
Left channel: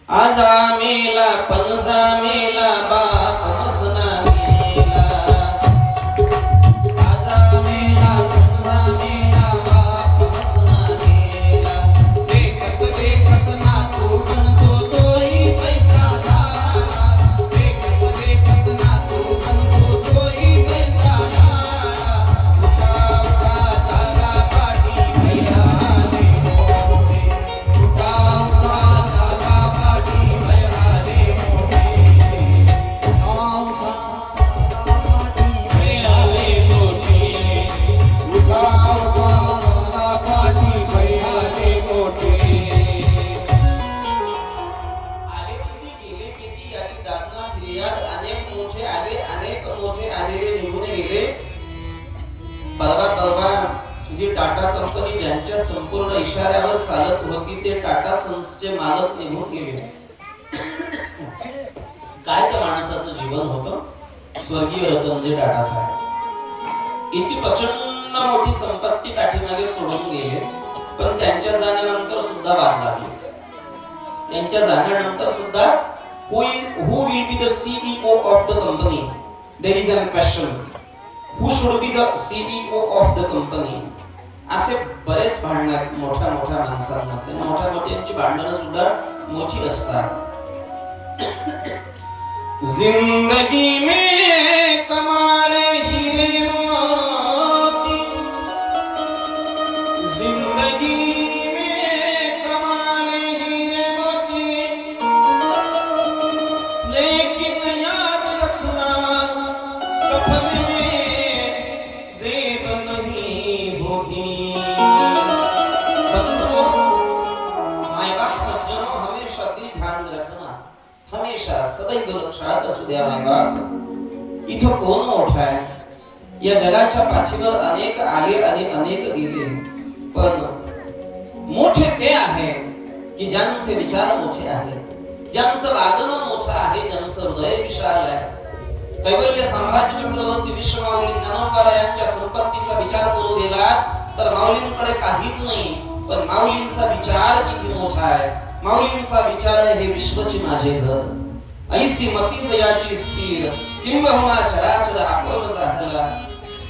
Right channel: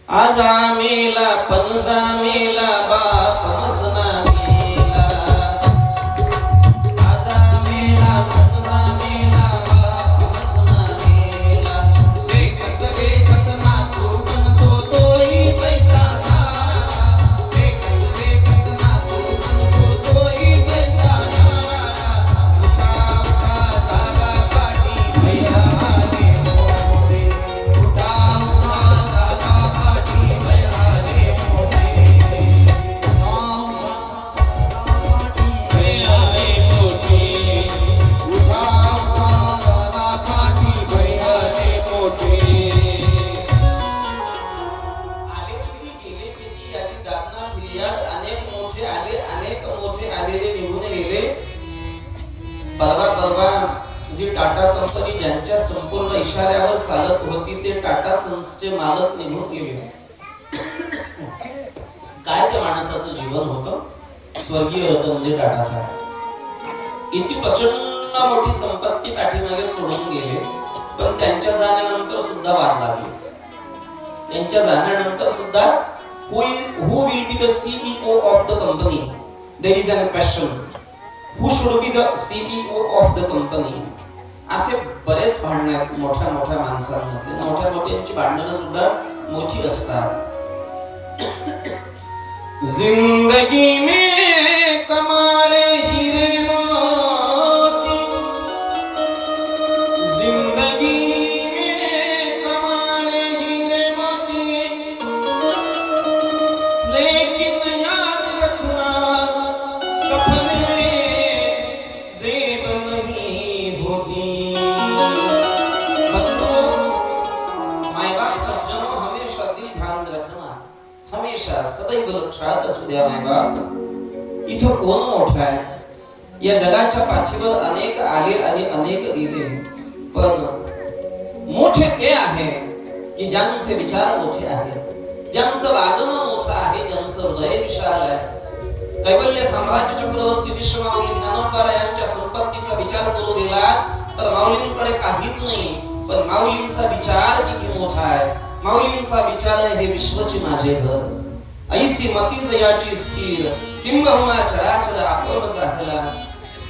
आजा मेला पणजा मेला बाप मसना मेला. आजा मेला पणजा मेला बाप मसना मेला. देखत देखत नातू बनतो तोही पैसा झाला. देखत देखत नातू बनतो तोही पैसा झाला. उठा उठा झाला पाठी भैया आले मोठे. उठा उठा झाला पाठी भैया आले मोठे. भैया आले मोठे. उठा उठा झाला पाठी भैया आले मोठे. आले किती गेले किती याची दातना फिर्याद. अनेक मोठे आले, अनेक मोठे आलेले निघून गेले. परवा जी टाटा कंपनी ज्यांच्या संपूर्ण इशाऱ्यावर चालत होती ते टाटा सन्सचे मालक निघून गेले. काय त्या माणसाचं जीवन होतं. स्वर्गीय रतनजी टाटा साहेब इतकी प्रचंड मोठी संपत्ती पाठीमागे सोडून गेले, पण त्यांच्या जाण्यानंतर सुद्धा वाद लागले. त्यांच्या जाण्यानंतर सुद्धा who will be the CEO of the company? There is a question. Who should be the CEO of the company? असे बरेच भांडण आहेत मोठ्या मोठ्या माणसांमध्ये. मोठ्या मोठ्यांची भांडणं सुद्धा मोठी असतात. जिंदगी में कमाले हीरे मोती. जिंदगी में कमाले हीरे मोती. लेकिन याद रखना कफन में जेब नहीं होती. बंधुओं, माय बाप सज्जनों, हमेशा दिल ध्यान रखना, हमेशा सदैव लक्षात असू द्या माय बाप, इथं कोण मोठा आहे. या जगाच्या पाठीवर अनेक आले आणि अनेक गेले, पण मोठे ते आहे की ज्यांचे विचार मोठे आहेत, ज्यांचं वागणं मोठं आहे, ज्यांचं हृदय विशाल आहे. कैवल्य साम्राज्य चक्रवर्ती विश्वमाऊली ज्ञानोबा यांच्या संपत्तीचा विचार करू गेलात तर माऊलींकडे काहीच नाही, पण माऊलींचा विचार किती मोठा आहे. माऊलींचा विचार आहे हे विश्वची माझे घर. ऐसी मती जयाची स्थिर किंबहुना चराचर आपण झाला.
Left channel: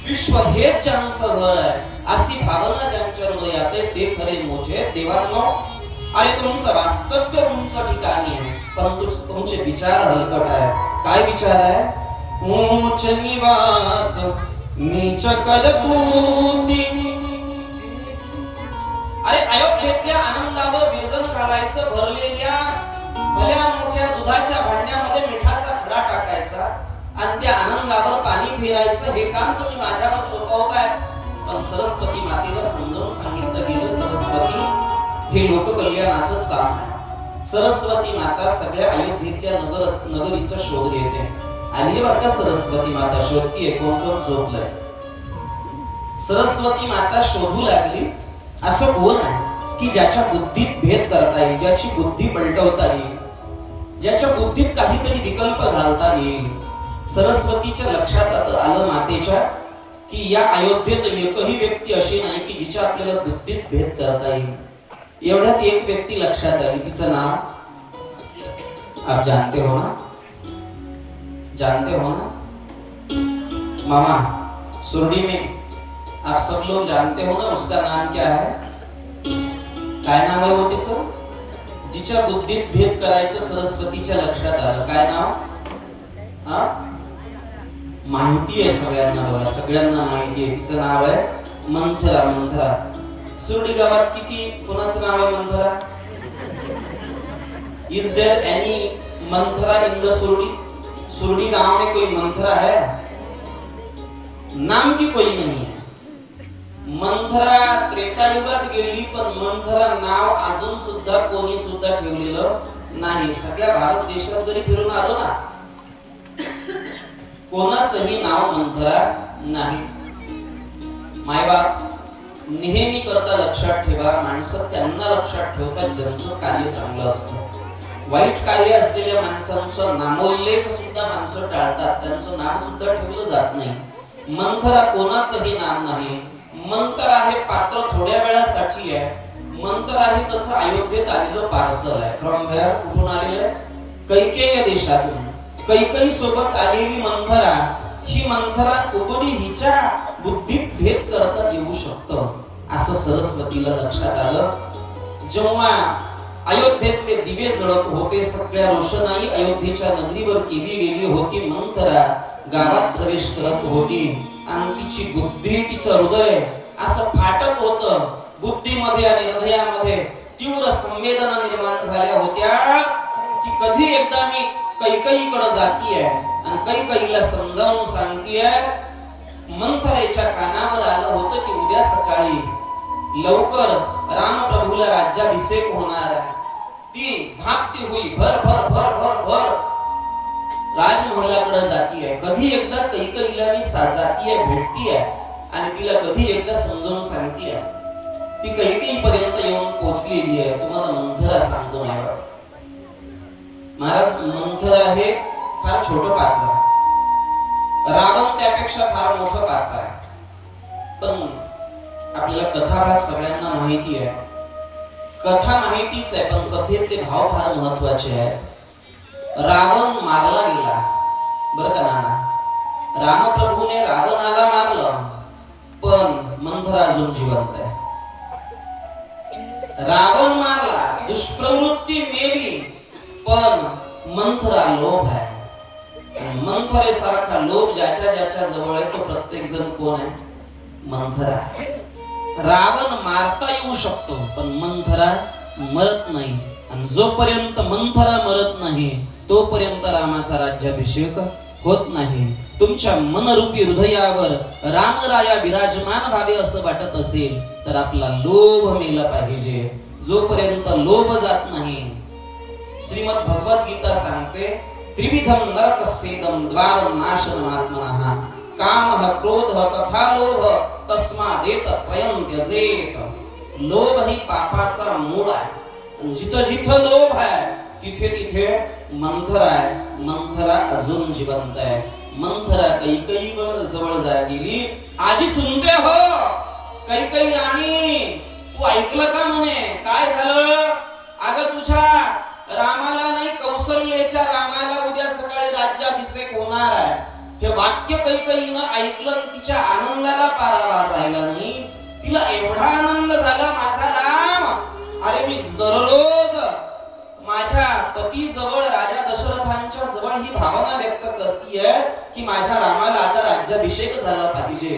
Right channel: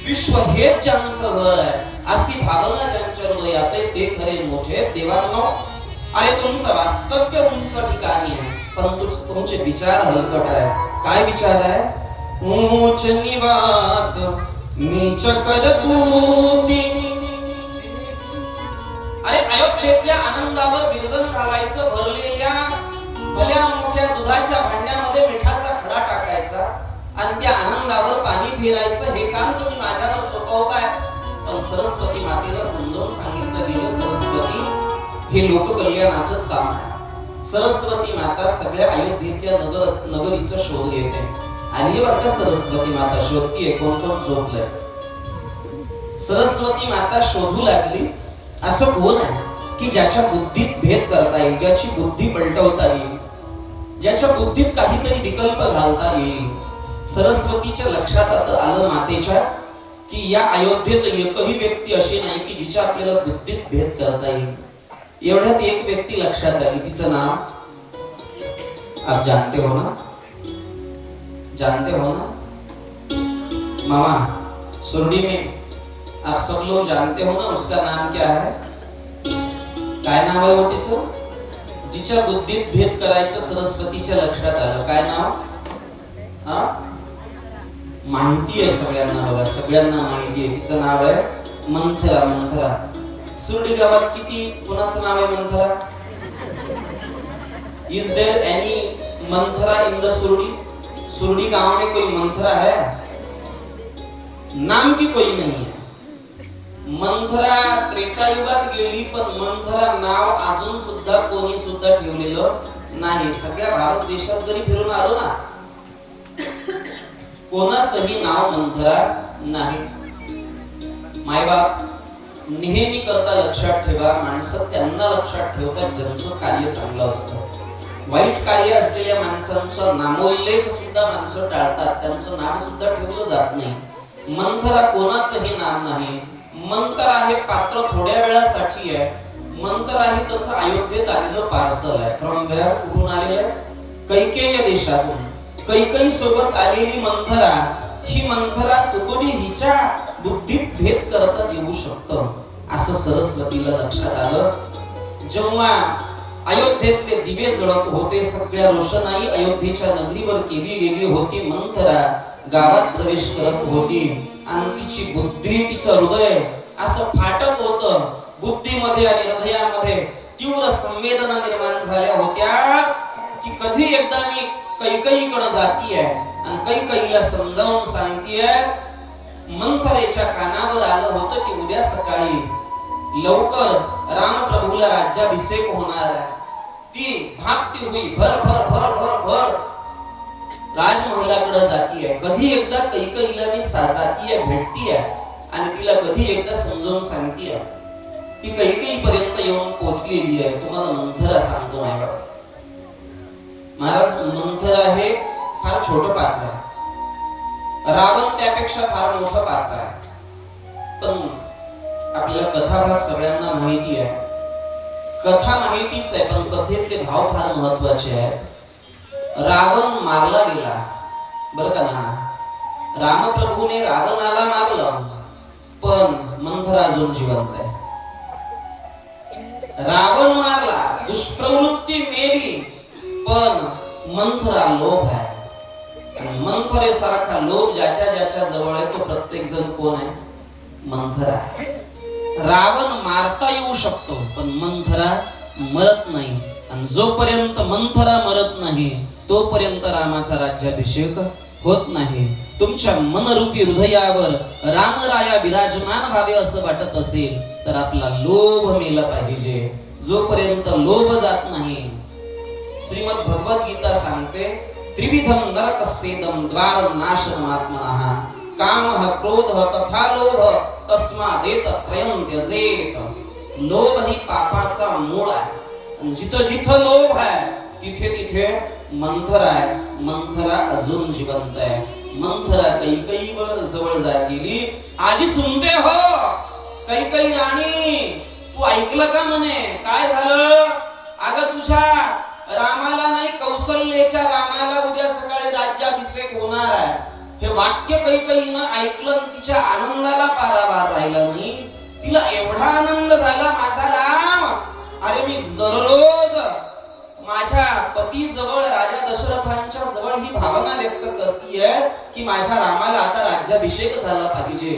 विश्व हेच ज्यांचं घर आहे अशी भावना ज्यांच्या हृदयात आहे ते खरे मोठे. देवांनो, अरे तुमचं वास्तव्य उंच ठिकाणी आहे, परंतु तुमचे विचार हलकट आहे. काय विचार आहे? ऊंच निवास नीच करतोती. अरे अयोध्येतल्या आनंदावर विरजन घालायचं, भरलेल्या भल्या मोठ्या दुधाच्या भांड्यामध्ये मिठाचा खडा टाकायचा आणि त्या आनंदावर पाणी फिरायचं, हे काम तुम्ही माझ्यावर सोपवताय. पण सरस्वती मातेला समजावून सांगितलं गेलं, सरस्वती हे लोककल्याणाचंच काम आहे. सरस्वती माता सगळ्या अयोध्येतल्या नगरीचा शोध घेते. आणि वाटतं सरस्वती माता शोधतीये, कोण कोण झोपलंय. सरस्वती माता शोधू लागली. असं कोण आहे की ज्याच्या बुद्धीत भेद करता येईल, ज्याची बुद्धी पलटवता येईल, ज्याच्या बुद्धीत काहीतरी विकल्प घालता येईल. सरस्वतीच्या लक्षात आलं मातेच्या की या अयोध्येत एकही व्यक्ती अशी नाही की जिच्या आपल्याला बुद्धीत भेद करता येईल. एवढ्यात एक व्यक्ती लक्षात आली, तिचं नाव आप जानते हो ना? जानते हो ना मामा? सुरडी में आप सब लोग जानते हो ना उसका नाम क्या है? काय नाव आहे हो तिचं? जिच्या बुद्धीत भेद करायचं सरस्वतीच्या लक्षात आलं. काय नाव? माहिती आहे सगळ्यांना, बघा सगळ्यांना माहिती आहे, तिचं नाव आहे मंथरा. मंथरा सुरडी गावात किती कोणाचं नाव आहे Manthara? Is there any Manthara in the Surdi? Surdi गांव में कोई मंथरा है? नाम की कोई नहीं है. मंथरा त्रेता युगात गेली, पण मंथरा नाव अजून सुद्धा कोणी सुद्धा ठेवलेलं नाही. सगळ्या भारत देशात जरी फिरून आलो ना, कोणाचंही नाव मंथरा नाही. मायबाप नेहमी करता लक्षात ठेवा, माणसं त्यांना लक्षात ठेवतात ज्यांचं कार्य चांगलं असतं. वाईट कार्य असलेल्या माणसांचा नामोल्लेख सुद्धा माणसं टाळतात, त्यांचं नाव सुद्धा ठेवलं जात नाही. मंथरा कोणाचंही नाव नाही. मंथरा हे पात्र थोड्या वेळासाठी आहे. मंथरा हे तसं अयोध्येत आलेलं पार्सल आहे. From where? कुठून आलेलं आहे? कैकेय देशातून. कैकेयी सोबत आलेली मंथरा, ही मंथरा उघडी हिच्या बुद्धीत भेद करता येऊ शकतं असं सरस्वतीला लक्षात आलं. जेव्हा अयोध्येत ते दिवे जळत होते, सगळ्या रोषणाई अयोध्येच्या नगरीवर केली गेली होती, मंथरा गावात प्रवेश करत होती आणि तिची बुद्धी, तिचं हृदय असं फाटत होतं. बुद्धीमध्ये आणि हृदयामध्ये तीव्र संवेदना निर्माण झाल्या होत्या की कधी एकदा मी कैकेयीकडे जातीये आणि कैकेयीला समजावून सांगतीये. मंथरेच्या कानावर आलं होतं की उद्या सकाळी लवकर रामप्रभूला राज्याभिषेक होणार आहे. ती भागती हुई भर भर भर भर भर राजमहलाकडे जातीये. कधी एकदा कैकेयीला मी जातीये, भेटतीये आणि तिला कधी एकदा समजावून सांगतीये. ती कैकेयी पर्यंत येऊन पोहोचलेली आहे. तुम्हाला मंथरा सांगतो महाराज, मंथरा हे फार छोटं पात्र आहे. रावण त्यापेक्षा फार मोठं पात्र आहे. पण आपल्याला कथाभाग सगळ्यांना माहिती आहे. कथा माहितीच आहे, पण कथेतले भाव फार महत्वाचे आहेत. रावण मारला गेला, बरं का नाना? रामप्रभूने रावणाला मारलं, पण मंथरा अजून जिवंत आहे. रावण मारला, दुष्प्रवृत्ती मेली, पण मंथरा लोभ आहे. मंथरे सारखा लोभ ज्याच्या ज्याच्या जवळ आहे तो प्रत्येक जण कोण आहे? मंथरा. रावण मारता येऊ शकतो, पण मंथरा मरत नाही. आणि जोपर्यंत मंथरा मरत नाही तोपर्यंत रामाचा राज्याभिषेक होत नाही. तुमच्या मनरूपी हृदयावर रामराया विराजमान व्हावे असं वाटत असेल तर आपला लोभ मेला पाहिजे. जोपर्यंत लोभ जात नाही, श्रीमद भगवत गीता सांगते, त्रिविधम नरकस्येदम द्वारम नाशनमात्मनः कामः क्रोधः तथा लोभ तस्मादेत त्रयं त्यजेत. लोभ ही पापाचा मूळ आहे. जिथं जिथं लोभ आहे तिथे तिथे मंथरा आहे. मंथरा अजून जिवंत आहे. मंथरा कैकेयी जवळ जा गेली. आजी सुनते हो कैकेयी राणी, तू ऐकलं का म्हणे? काय झालं? अगं तुझ्या रामाला नाही, कौशल्याच्या रामाला उद्या सकाळी राज्याभिषेक होणार आहे. हे वाक्य कैकेयीनं ऐकलं, तिच्या आनंदाला पारावार राहिला नाही. तिला एवढा आनंद झाला, माझा राम, अरे मी दररोज माझ्या पती जवळ, राजा दशरथांच्या जवळ ही भावना व्यक्त करतीये की माझ्या रामाला आता राज्याभिषेक झाला पाहिजे.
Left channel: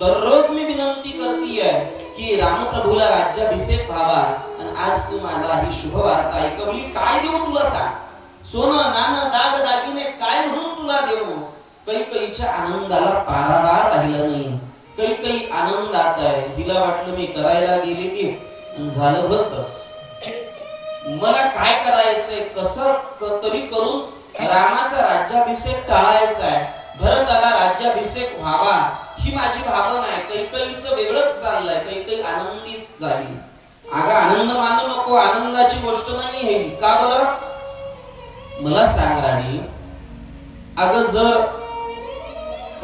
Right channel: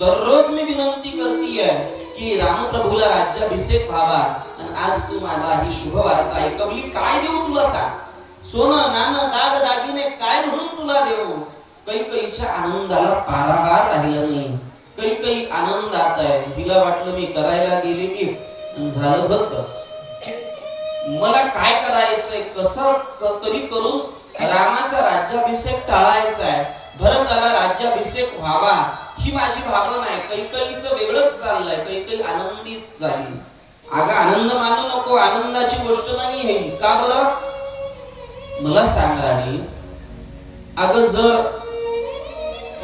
दररोज मी विनंती करतीये की रामप्रभूला राज्याभिषेक व्हावा. आणि आज तू मला ही शुभ वार्ता ऐकवली. काय देऊ तुला सांग? सोनं नाणं दाग दागिने काय म्हणून तुला देऊ? कैकेयीच्या आनंदाला पारावार राहिला नाही. कैकेयी आनंदात आहे. हिला वाटलं मी करायला गेले की झालं बघच, मला काय करायचंय, कसं तरी करून रामाचा राज्याभिषेक टाळायचा आहे, भरताला राज्याभिषेक व्हावा, ही माझी भावना आहे. कैकेयीचं वेगळंच चाललंय. कैकेयी आनंदित झाली. अगं आनंद मानू नको, आनंदाची गोष्ट नाही हे. का बरं? मला सांग राणी, अगं जर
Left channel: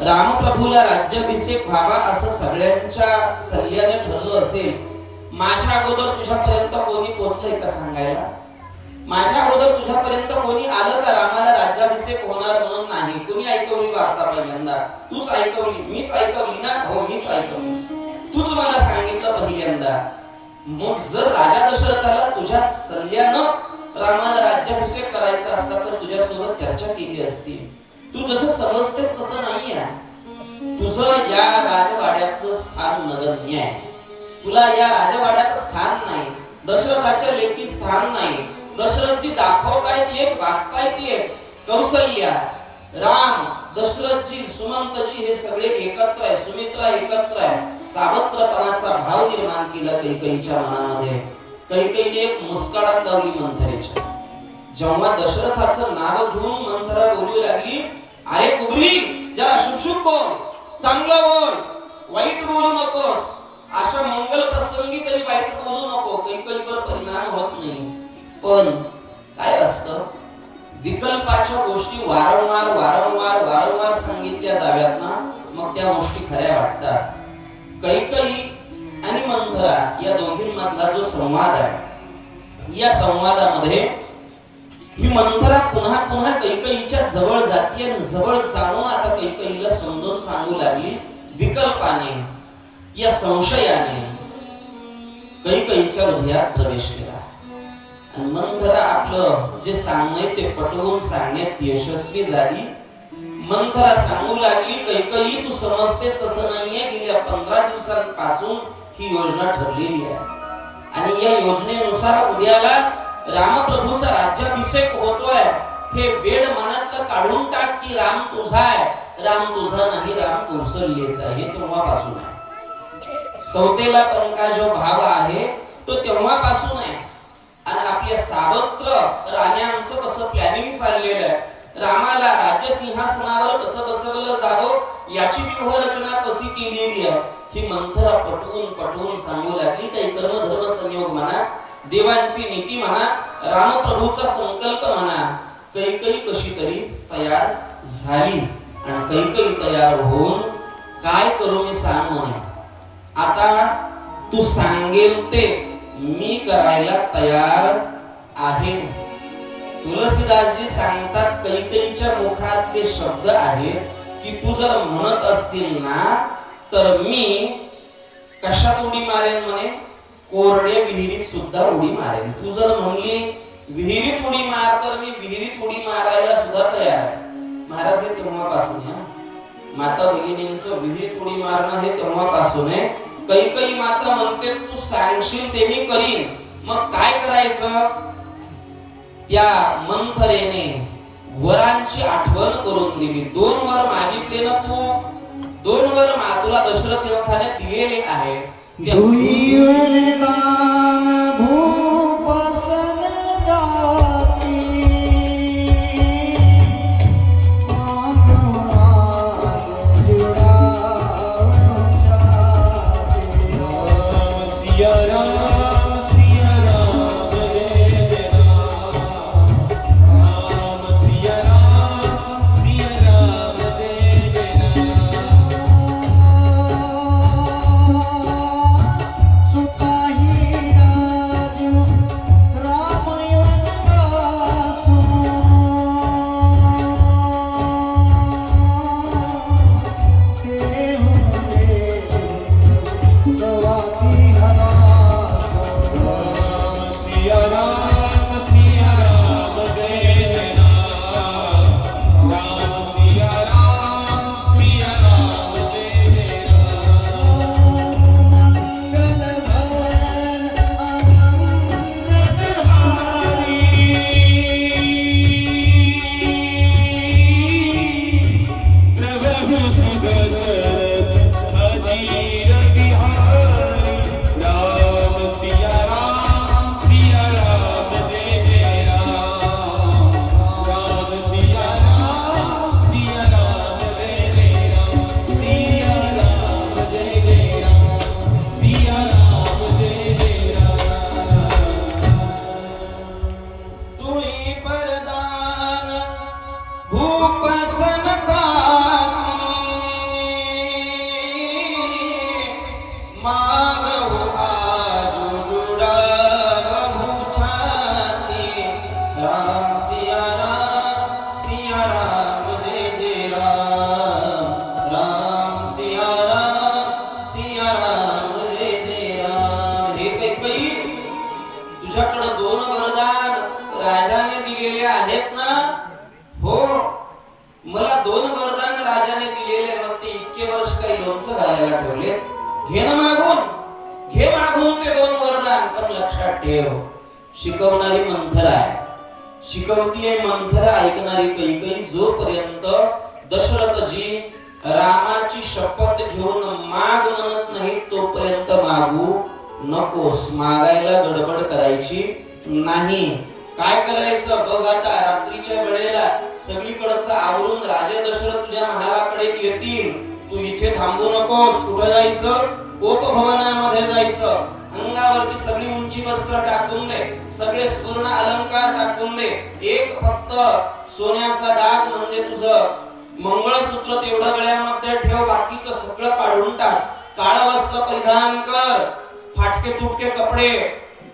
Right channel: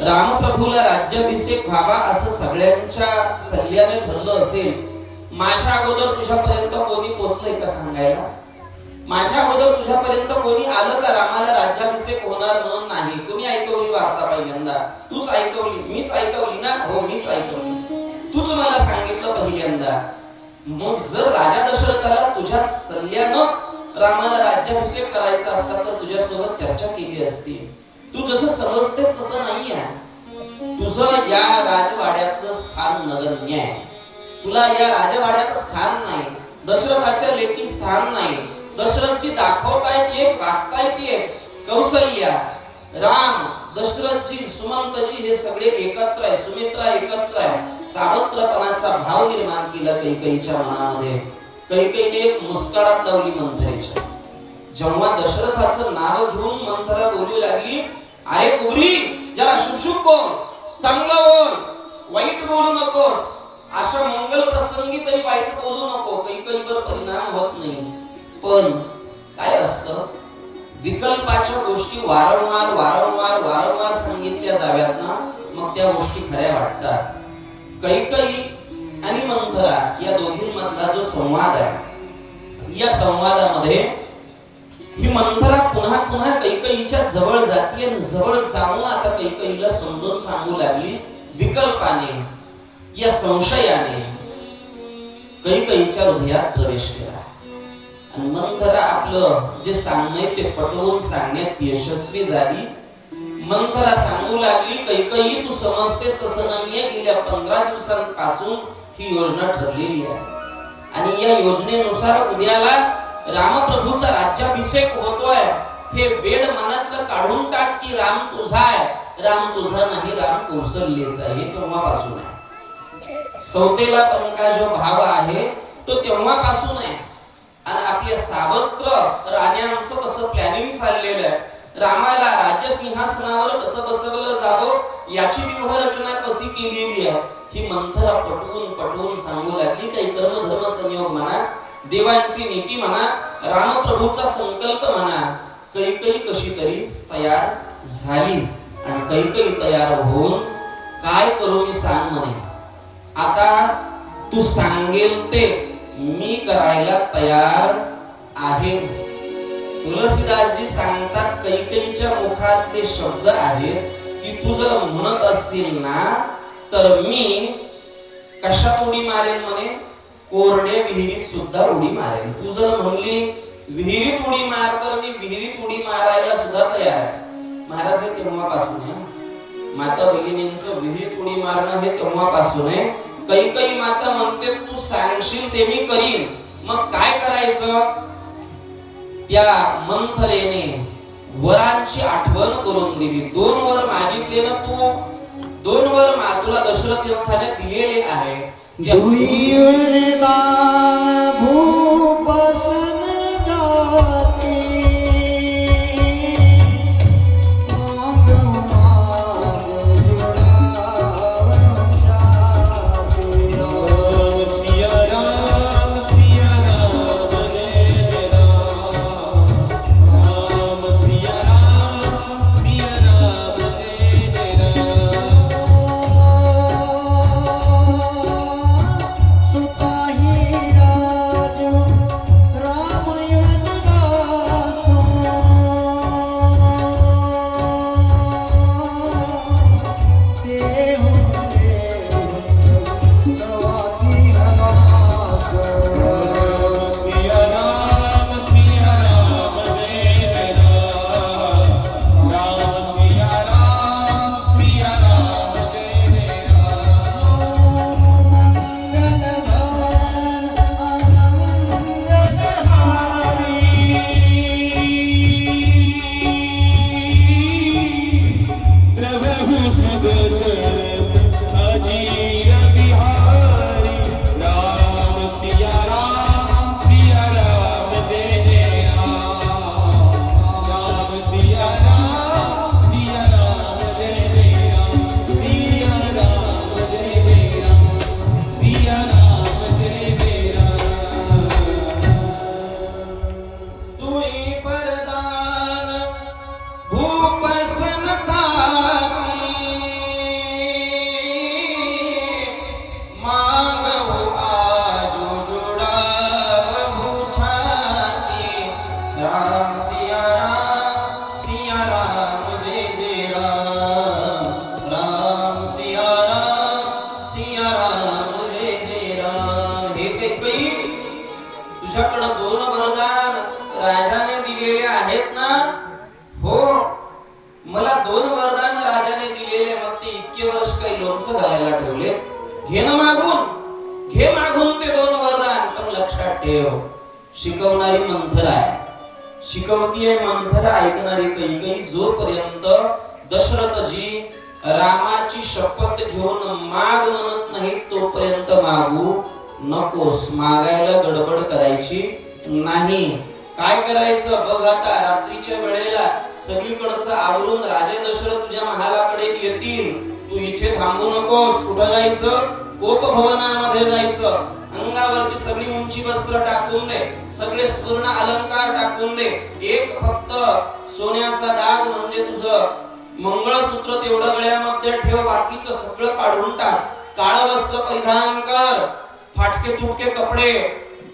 रामप्रभूला राज्याभिषेक व्हावा असं सगळ्यांच्या सल्ल्याने ठरलं असेल, माझ्या अगोदर तुझ्यापर्यंत कोणी पोहोचलंय का सांगायला? माझ्या अगोदर तुझ्यापर्यंत कोणी आलं का रामाला राज्याभिषेक होणार म्हणून? नाही. कोणी ऐकवली वार्ता पहिल्यांदा? तूच ऐकवली. मीच ऐकवली ना? हो, मीच ऐकवली. तूच मला सांगितलं पहिल्यांदा. मग जर राजा दशरथाला तुझ्या सल्ल्यानं रामाला राज्याभिषेक करायचा असता तर तुझ्यासोबत चर्चा केली असती. तू जसं समजतेस तसं नाही आहे. तुझं या राजवाड्यातलं स्थान नगण्य आहे. तुला या राजवाड्यात स्थान नाही. दशरथाच्या लेखी स्थान नाही. दशरथजी दाखवतायत एक, वागतायत एक. कौसल्या, राम, दशरथजी, सुमंतजी हे सगळे एकत्र आहे. सुमित्रा एकत्र आहे. सावत्रपणाचा भाव निर्माण केला कैकेयीच्या मनामध्ये. कैकेयीने एक मुस्काळात लावली मंथरेच्या. जेव्हा दशरथाचं नाव घेऊन मंथरा बोलू लागली, अरे कुबरी, जरा शुभ बोल, चांगलं बोल, वाईट बोलू नकोस. अशा मंगल प्रसंगी तरी वाईट बोलू नको. कैकेयीवर परिणाम होत नाही. पण काय असतं, विकल्पाच्या गोष्टी वारंवार वारंवार वारंवार सांगितल्या जाव्यात ना, मग त्या गोष्टी खऱ्या वाटतात. कैकेयी आणि मंथरा या दोघींमधला जो संवाद आहे, या संवादामध्ये ही मंथरा पुन्हा पुन्हा कैकेयीच्या जवळ जाती आणि जवळ जाऊन आता कैकेयीला समजून सांगू लागली. विकल्पाने, या संशयाने कैकेयीच्या हृदयात प्रवेश केला. आणि मंथरा आपलं जे सांगणं ते पटवून सांगण्यात यशस्वी झाली. मंथरा सांगू लागली, कैकेयी तू समजतेस तसं नाहीये. गेल्या 15 दिवसांपासून ही योजना ठरलेली आहे आणि या योजनेनुसार उद्याला रामप्रभूचा राज्याभिषेक होतोय. हे वेड मनातलं काढून टाक की राम तुझा आहे. राम तुझा नाही, राम कौसल्याचा आहे. हे तेव्हापासून आहे. सौतेला पंका जो भाव आहे तो तेव्हापासून आहे. आणि आपल्या सावत्र राण्यांचं कसं प्लॅनिंग चाललेलं आहे, रामाला राज्यसिंहासनावर कसं बसवलं जावं याची व्यूहरचना कशी केलेली आहे, ही मंथरा पटवून पटवून सांगू लागली. काही कर्म धर्म संयोग म्हणा, देवांची नीती म्हणा, रामप्रभूचा संकल्प म्हणा. कैकेयी कशी तरी तयार झाली आणि कैकेयी तयार होऊन काय करू मी सांग म्हणे. आता तू सांगेल ते मी करायला तयार आहे. तुलसीदासजी सांगतात, कैकेयीच्या मुखात ते शब्द आहेत की तू जर म्हणत असशील ना तर मी कशात उडी मारेन म्हणे, कोरडे विहिरीत सुद्धा उडी मारेन. तू जर म्हणली विहिरीत उडी मार तर मी विहिरीत उडी मारायला सुद्धा तयार आहे. महाराज हे तेव्हापासून आहे. माता भगिनींचं विहिरीत उडी मारणं हे तेव्हापासून आहे. कैकेयी माता म्हणते तू सांगशील ते मी करीन. मग काय करायचं, त्या मंथरेने वरांची आठवण करून दिली. 2 वर मागितले ना तू, 2 वर तुला दशरथाने दिलेले आहे. दुई वरदान भूपसन जाती, माग माग जुड़ावन छाती. सिया राम जय जय राम, राम सिया राम जय जय राम. सुपाही दोन वरदान राजाने दिलेले, मग ते इतके वर्ष काही लोणचं घालायला ठेवले. घे ना मागून, घे मागून ते दोन वरदान, पण लक्षात ठेव शिकवणारी मंथरा आहे, शिकवतीये मंथरा, ऐकणारी कैकेयी. जोपर्यंत दशरथजी रामाची शपथ घेऊन माग म्हणत नाही तोपर्यंत मागू नकोस, मागायला गडबड करायची नाही. काय करायचं बघ, आता रात्रीच्या वेळेला सगळीकडचं आवरून राजे दशरथ तुझ्या महालाकडे येतील, तू इथे थांबू नकोस. कुठं जायचं? कोपभवनामध्ये जायचं. अंगावरची सगळी उंची वस्त्र टाकून दे, सगळे सुवर्ण अलंकार टाकून दे, एक फक्त सोन्याचा दाग म्हणजे तुझं मंगळसूत्र तेवढं गळ्यामध्ये ठेव, बाकीचं सगळं काढून टाक. काळं वस्त्र परिधान कर, फाटके तुटके कपडे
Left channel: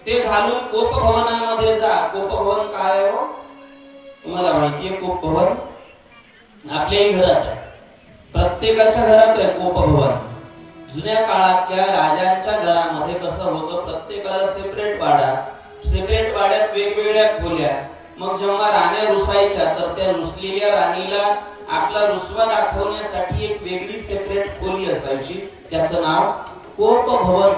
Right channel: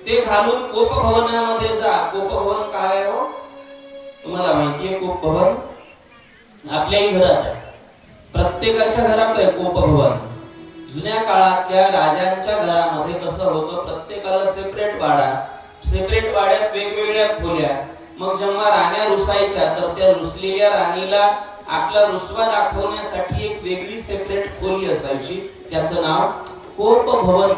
ते घालून कोपभवनामध्ये जा. कोपभवन काय हो तुम्हाला माहितीये? कोपभवन आपल्याही घरात आहे, प्रत्येकाच्या घरात आहे कोपभवन. जुन्या काळातल्या राजांच्या घरामध्ये कसं होतं, प्रत्येकाला सेपरेट वाडा, सेपरेट वाड्यात वेगवेगळ्या खोल्या. मग जेव्हा राण्या रुसायच्या तर त्या रुसलेल्या राणीला आपला रुसवा दाखवण्यासाठी एक वेगळी सेपरेट खोली असायची, त्याचं नाव कोपभवन.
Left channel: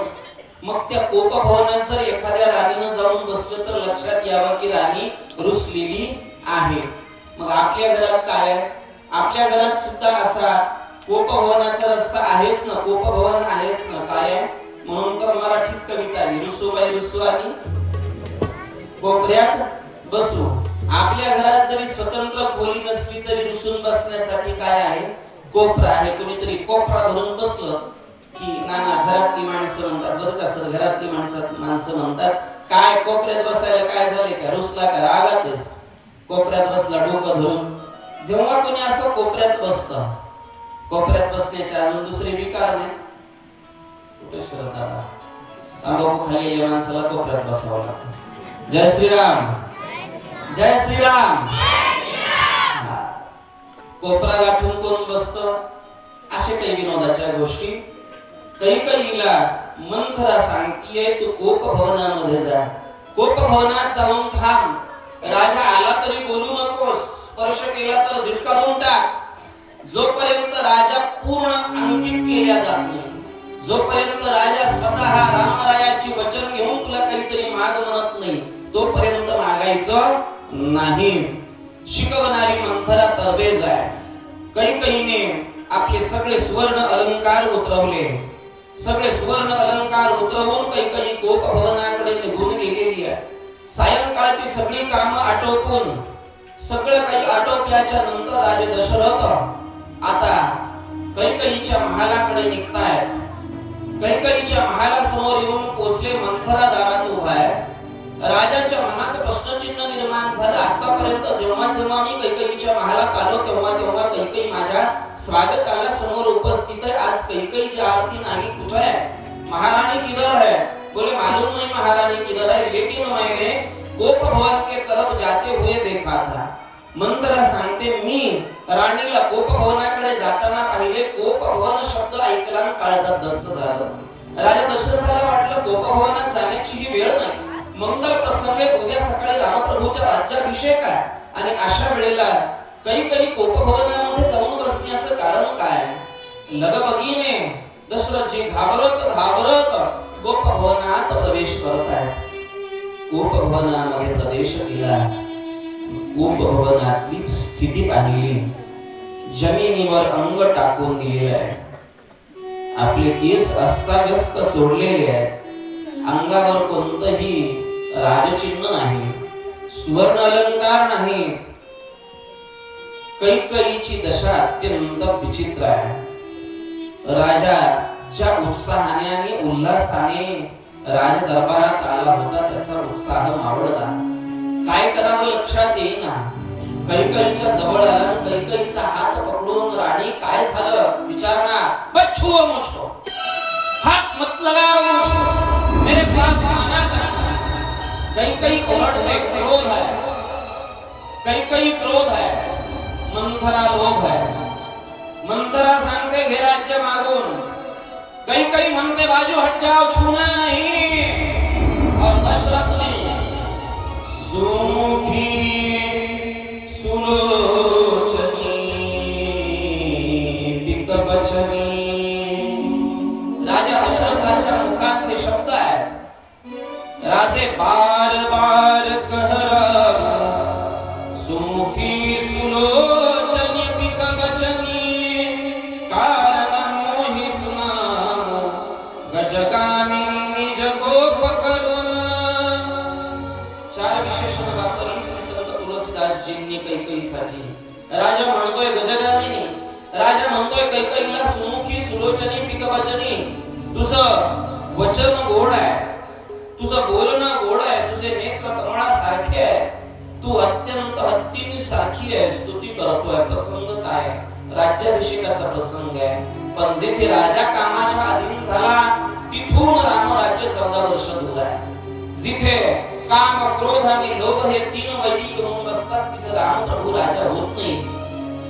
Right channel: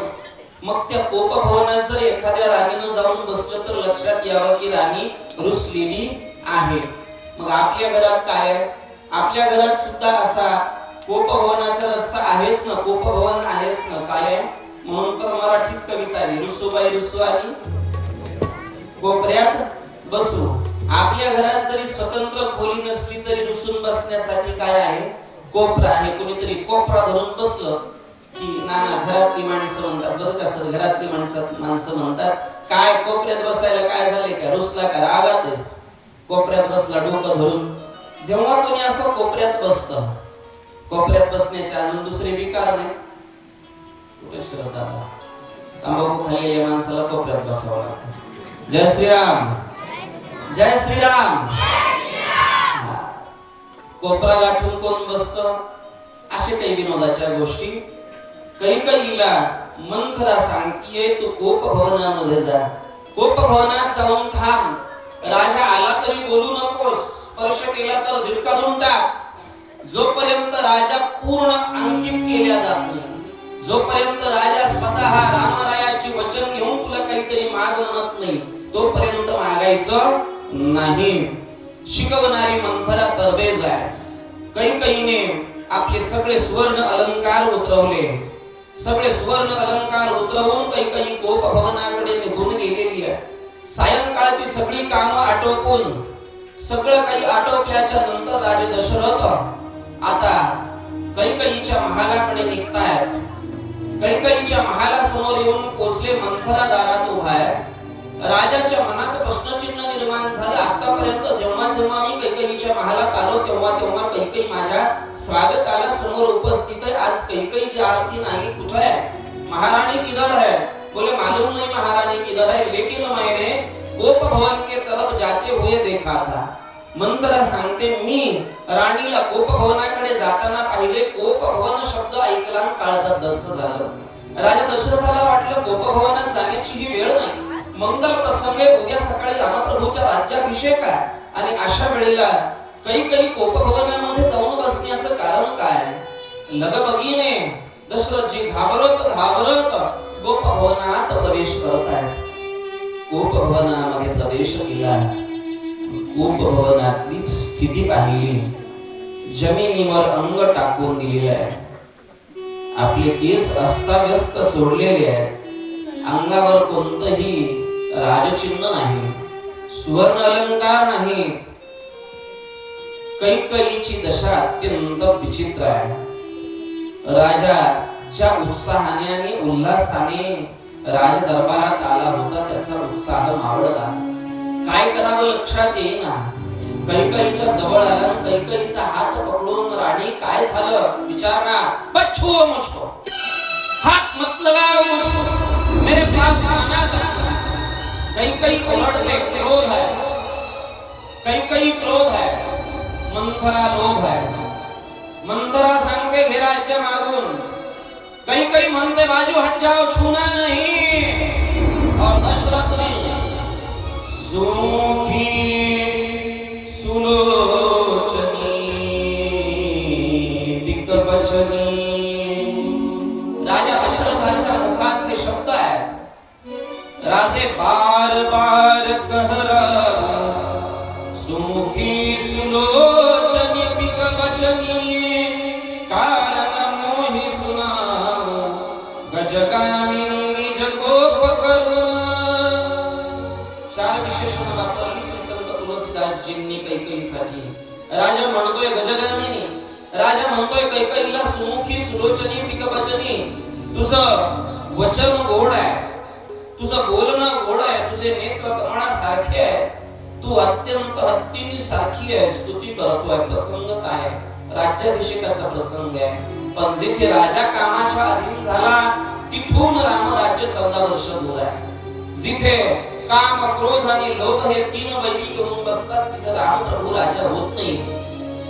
मग त्या कोपभवनात जर एखाद्या राणीनं जाऊन बसलं तर लक्षात यावं की राणी रुसलेली आहे. मग आपल्या घरात काय आहे? आपल्या घरात सुद्धा असा कोपभवनाचा रस्ता आहेच ना, कोपभवन आहेच ना. काय आहे? म्हणून तर मराठीत कविता आली, रुसूबाई रुसू आणि कोपऱ्यात बसू. आपल्या घरात जरी स्वतंत्र खोली नसली तरी रुसून बसण्यासाठी काय आहे? कोपरा आहे. कोणीतरी कोपरा धरून बसलं की नाना घरातली माणसं म्हणतात, बरं का सर, घरातली माणसं म्हणतात काय कोपऱ्यात बसायला काय झाले का, रुसला का, रागातच कोपऱ्यात बसला डोकं धरून. जेव्हा कोणी असं कोपऱ्यात बसतं, कोपऱ्यात बसण्याचे अजून दुसरे विकार नाही. कुठे शरद आला, तंबाखू खाल्लेल्या माणसाला कोपऱ्यात बसावं लागतं. जय श्रीराम, जय श्रीराम. कोपरा गाठून कोण बसतं? असे काही विनोदाच्या गोष्टी. कैकेयीला मंथरा सांगतीये तू कोपभवनामध्ये जा, कोपभवनात जाऊन थांब. राजा आला तरी बोलू नकोस, स्पर्श केला तर झिडकारून टाक. जोपर्यंत राजा पूर्ण अंकित केल्या जात नाही, जोपर्यंत राजा स्वतः रामारायाची वचन घेऊन तुला काहीतरी माग म्हणत नाही, तोपर्यंत मागायचं नाही. शिकवणारी मंथरा तरबेज आहे. कैकेयीने आपले सगळे सुवर्ण अलंकार उतरवले, सगळे सुवर्ण अलंकार उतरवून कैकेयी कोपभवनाकडे निघून गेलेली आहे. सायंकाळची सगळी कामं आटोपून सगळं काही आटोपल्याच्या नंतर राजे दशरथ आता कैकेयीच्या महालाकडे निघतायत. कैकेयीच्या महालासमोर येऊन पोहोचले. मंथरा दारात उभा आहे. राजाच्या मनात प्रश्नचिन्ह निर्माण झालं. आतापर्यंत जेव्हा जेव्हा मी कैकेयीच्या महालात आलो तेव्हा तेव्हा कैकेयी माझ्या स्वागताला समोर उपस्थित आहे. आज कैकेयीची आरती नाही. कुठे आहे महारानी? किधर है? बोले मालूम नहीं महारानी किधर है, लेकिन मैंने कोपभवन के तरफ जाते हुए देखा था. मंथरा सांगते मी राणीला कोपभवनाकडे जाताना पाहिले. कोपभवन शब्द ऐकला काळजात धस्स झालं. राजा दशरथाला वाटलं कोपभवनात जाण्याची ही वेळ नाही, मंगल प्रसंगे उद्या सकाळी रामप्रभूचा राज्याभिषेक आहे. आणि अशा वेळेला कैकेयी कोपभवनामध्ये जाऊन बसण्याचं कारण काय? लगबगीने दशरथजी घाबरत घाबरत कोपभवनात प्रवेश करत आहेत. कोपभवनामध्ये प्रवेश केला. कोपभवनातली स्थिती पाहिली. जमिनीवर अंग टाकून दिलेले आहे, आपले केस अस्ताव्यस्त सोडलेले आहेत, अंगावर कोणतंही राजचिन्ह नाही, सुवर्ण अलंकार नाही. कैकेयीची दशा अत्यंत विचित्र आहे. राजा ज्या उत्साहाने आणि उल्हासाने राज दरबारात आला होता त्याचा उत्साह मावळला. काय करावं लक्षात येईना. कैकेयीच्या जवळ आला. कैकेयीचा हात पकडून राणी काय झालं विचारणार. बच्चो मुझको हाथ मत लगाओ, मुझको मेरे पास आना कर. कैकेयी ओरडते, क्रोध है. कैकेयी क्रोध है, मंथरा लोभ है. मंथरा सांगते घे राज्य मागून. कैकेयी म्हणते बाजू हट जाओ, छूना नहीं. और दशरथ जी सुमुखी सुलोचनी पिक बचनी. राजा दशरथाच्या मुखातले शब्द आहेत. राजे बार बार कहरा सुमुखी सुलोचनी पिक बचनी कारण मोहि सुनाम गजगामिनी निज गोप करुण. चार विशेषण आपल्याला संत तुलसीदासजींनी कैकेयीसाठी. राजा म्हणतोय गजगामिनी, राजा म्हणतोय कैकेयीला सुमुखी सुलोचनी पिक बचनी. तुझं वचन गोड आहे, तुझं बोलणं गोड आहे, तुझे नेत्र कमळासारखे आहे, तू अत्यंत हत्तीनी सारखी आहे. स्तुती करतोय. प्रसंग काय? राज्याभिषेकाचा प्रसंग आहे. पण जिथे राजा कामाच्या अधीन झाला तिथून रामराज्य 14 वर्ष दूर आहे. जिथे काम, क्रोध आणि लोभ हे 3 वैरी घेऊन बसतात तिथे रामप्रभू राजा होत नाही.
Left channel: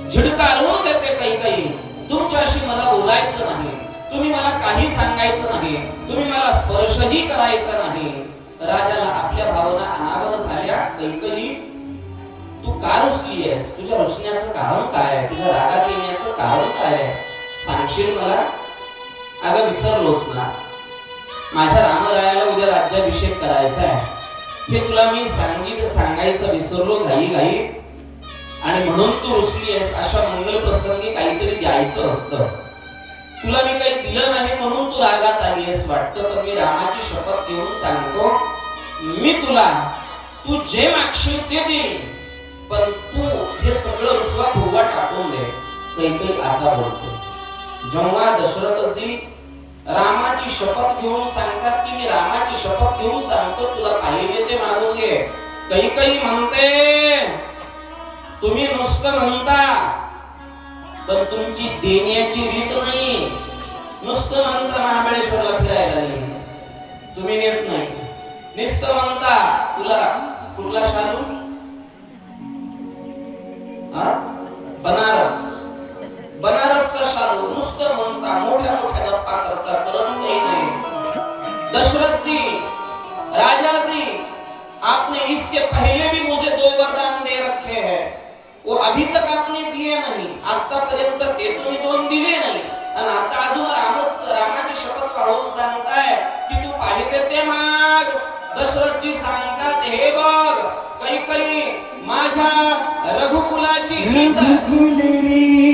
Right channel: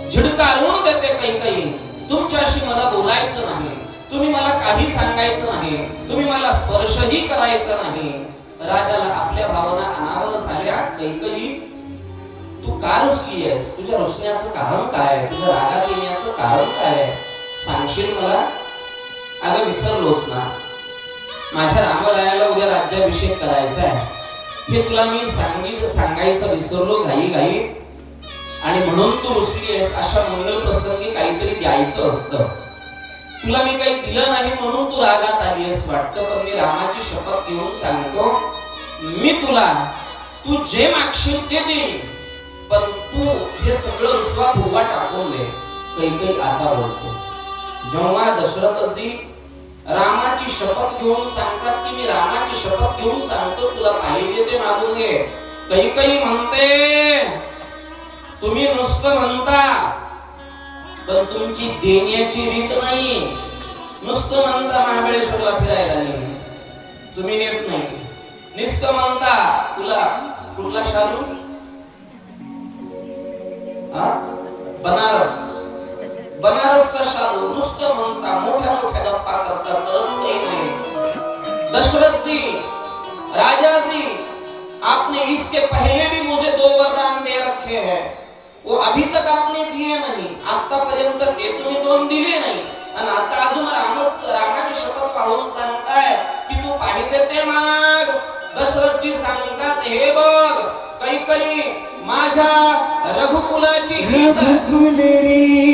झिडकारून देते कैकेयी, तुमच्याशी मला बोलायचं नाही, तुम्ही मला काही सांगायचं नाही, तुम्ही मला स्पर्शही करायचा नाही. राजाला आपल्या भावना अनावर झाल्या. कैकेयी, तू का रुसली आहेस? तुझ्या रुसण्याचं कारण काय आहे? तुझ्या रागात येण्याचं कारण काय आहे? सांगशील मला? अगं विसरलोच ना, माझ्या रामरायाला उद्या राज्याभिषेक करायचा आहे, हे तुला मी सांगायचं विसरलो घाई घाई. आणि म्हणून तू रुसली आहेस. अशा मंगल प्रसंगी काहीतरी द्यायचं असतं. तुला मी काही दिलं नाही म्हणून तू रागात आली आहेस वाटतं. पण मी रामाची शपथ घेऊन सांगतो, मी तुला तू जे मागशील ते देईन, पण तू हे सगळं रुसवा फुगवा टाकून दे. कैकेयी आता बोलतो. जेव्हा दशरथजी रामाची शपथ घेऊन सांगतात की मी रामाची शपथ घेऊन सांगतो, तुला पाहिजे ते मागून घे. कैकेयी म्हणते, तुम्ही नुसतं म्हणता तर तुमची देण्याची रीत नाही. नुसतं म्हणता महाबळेश्वरला फिरायला नाही, तुम्ही नेत नाही. नुसतं म्हणता तुला कुठला शालू? बनारस, बनारसचा शालू. नुसतं म्हणता, मोठ्या मोठ्या गप्पा करता, करत काही नाही. दशरथ जी, राजा जी, आपने इसके पहले भी मुझे 2 वरदान दे रखे हैं, वो अभी तक आपने दिए नहीं. आतापर्यंत ते तुम्ही 2 दिले नाही, आणि आता अजून रामाची शपथ वाहून सांगताय की तू पाहिजे ते माग. दशरथजी सांगतात, हे बघ कैकेयी, माझ्या रघुकुलाची रीत, रघुकुल री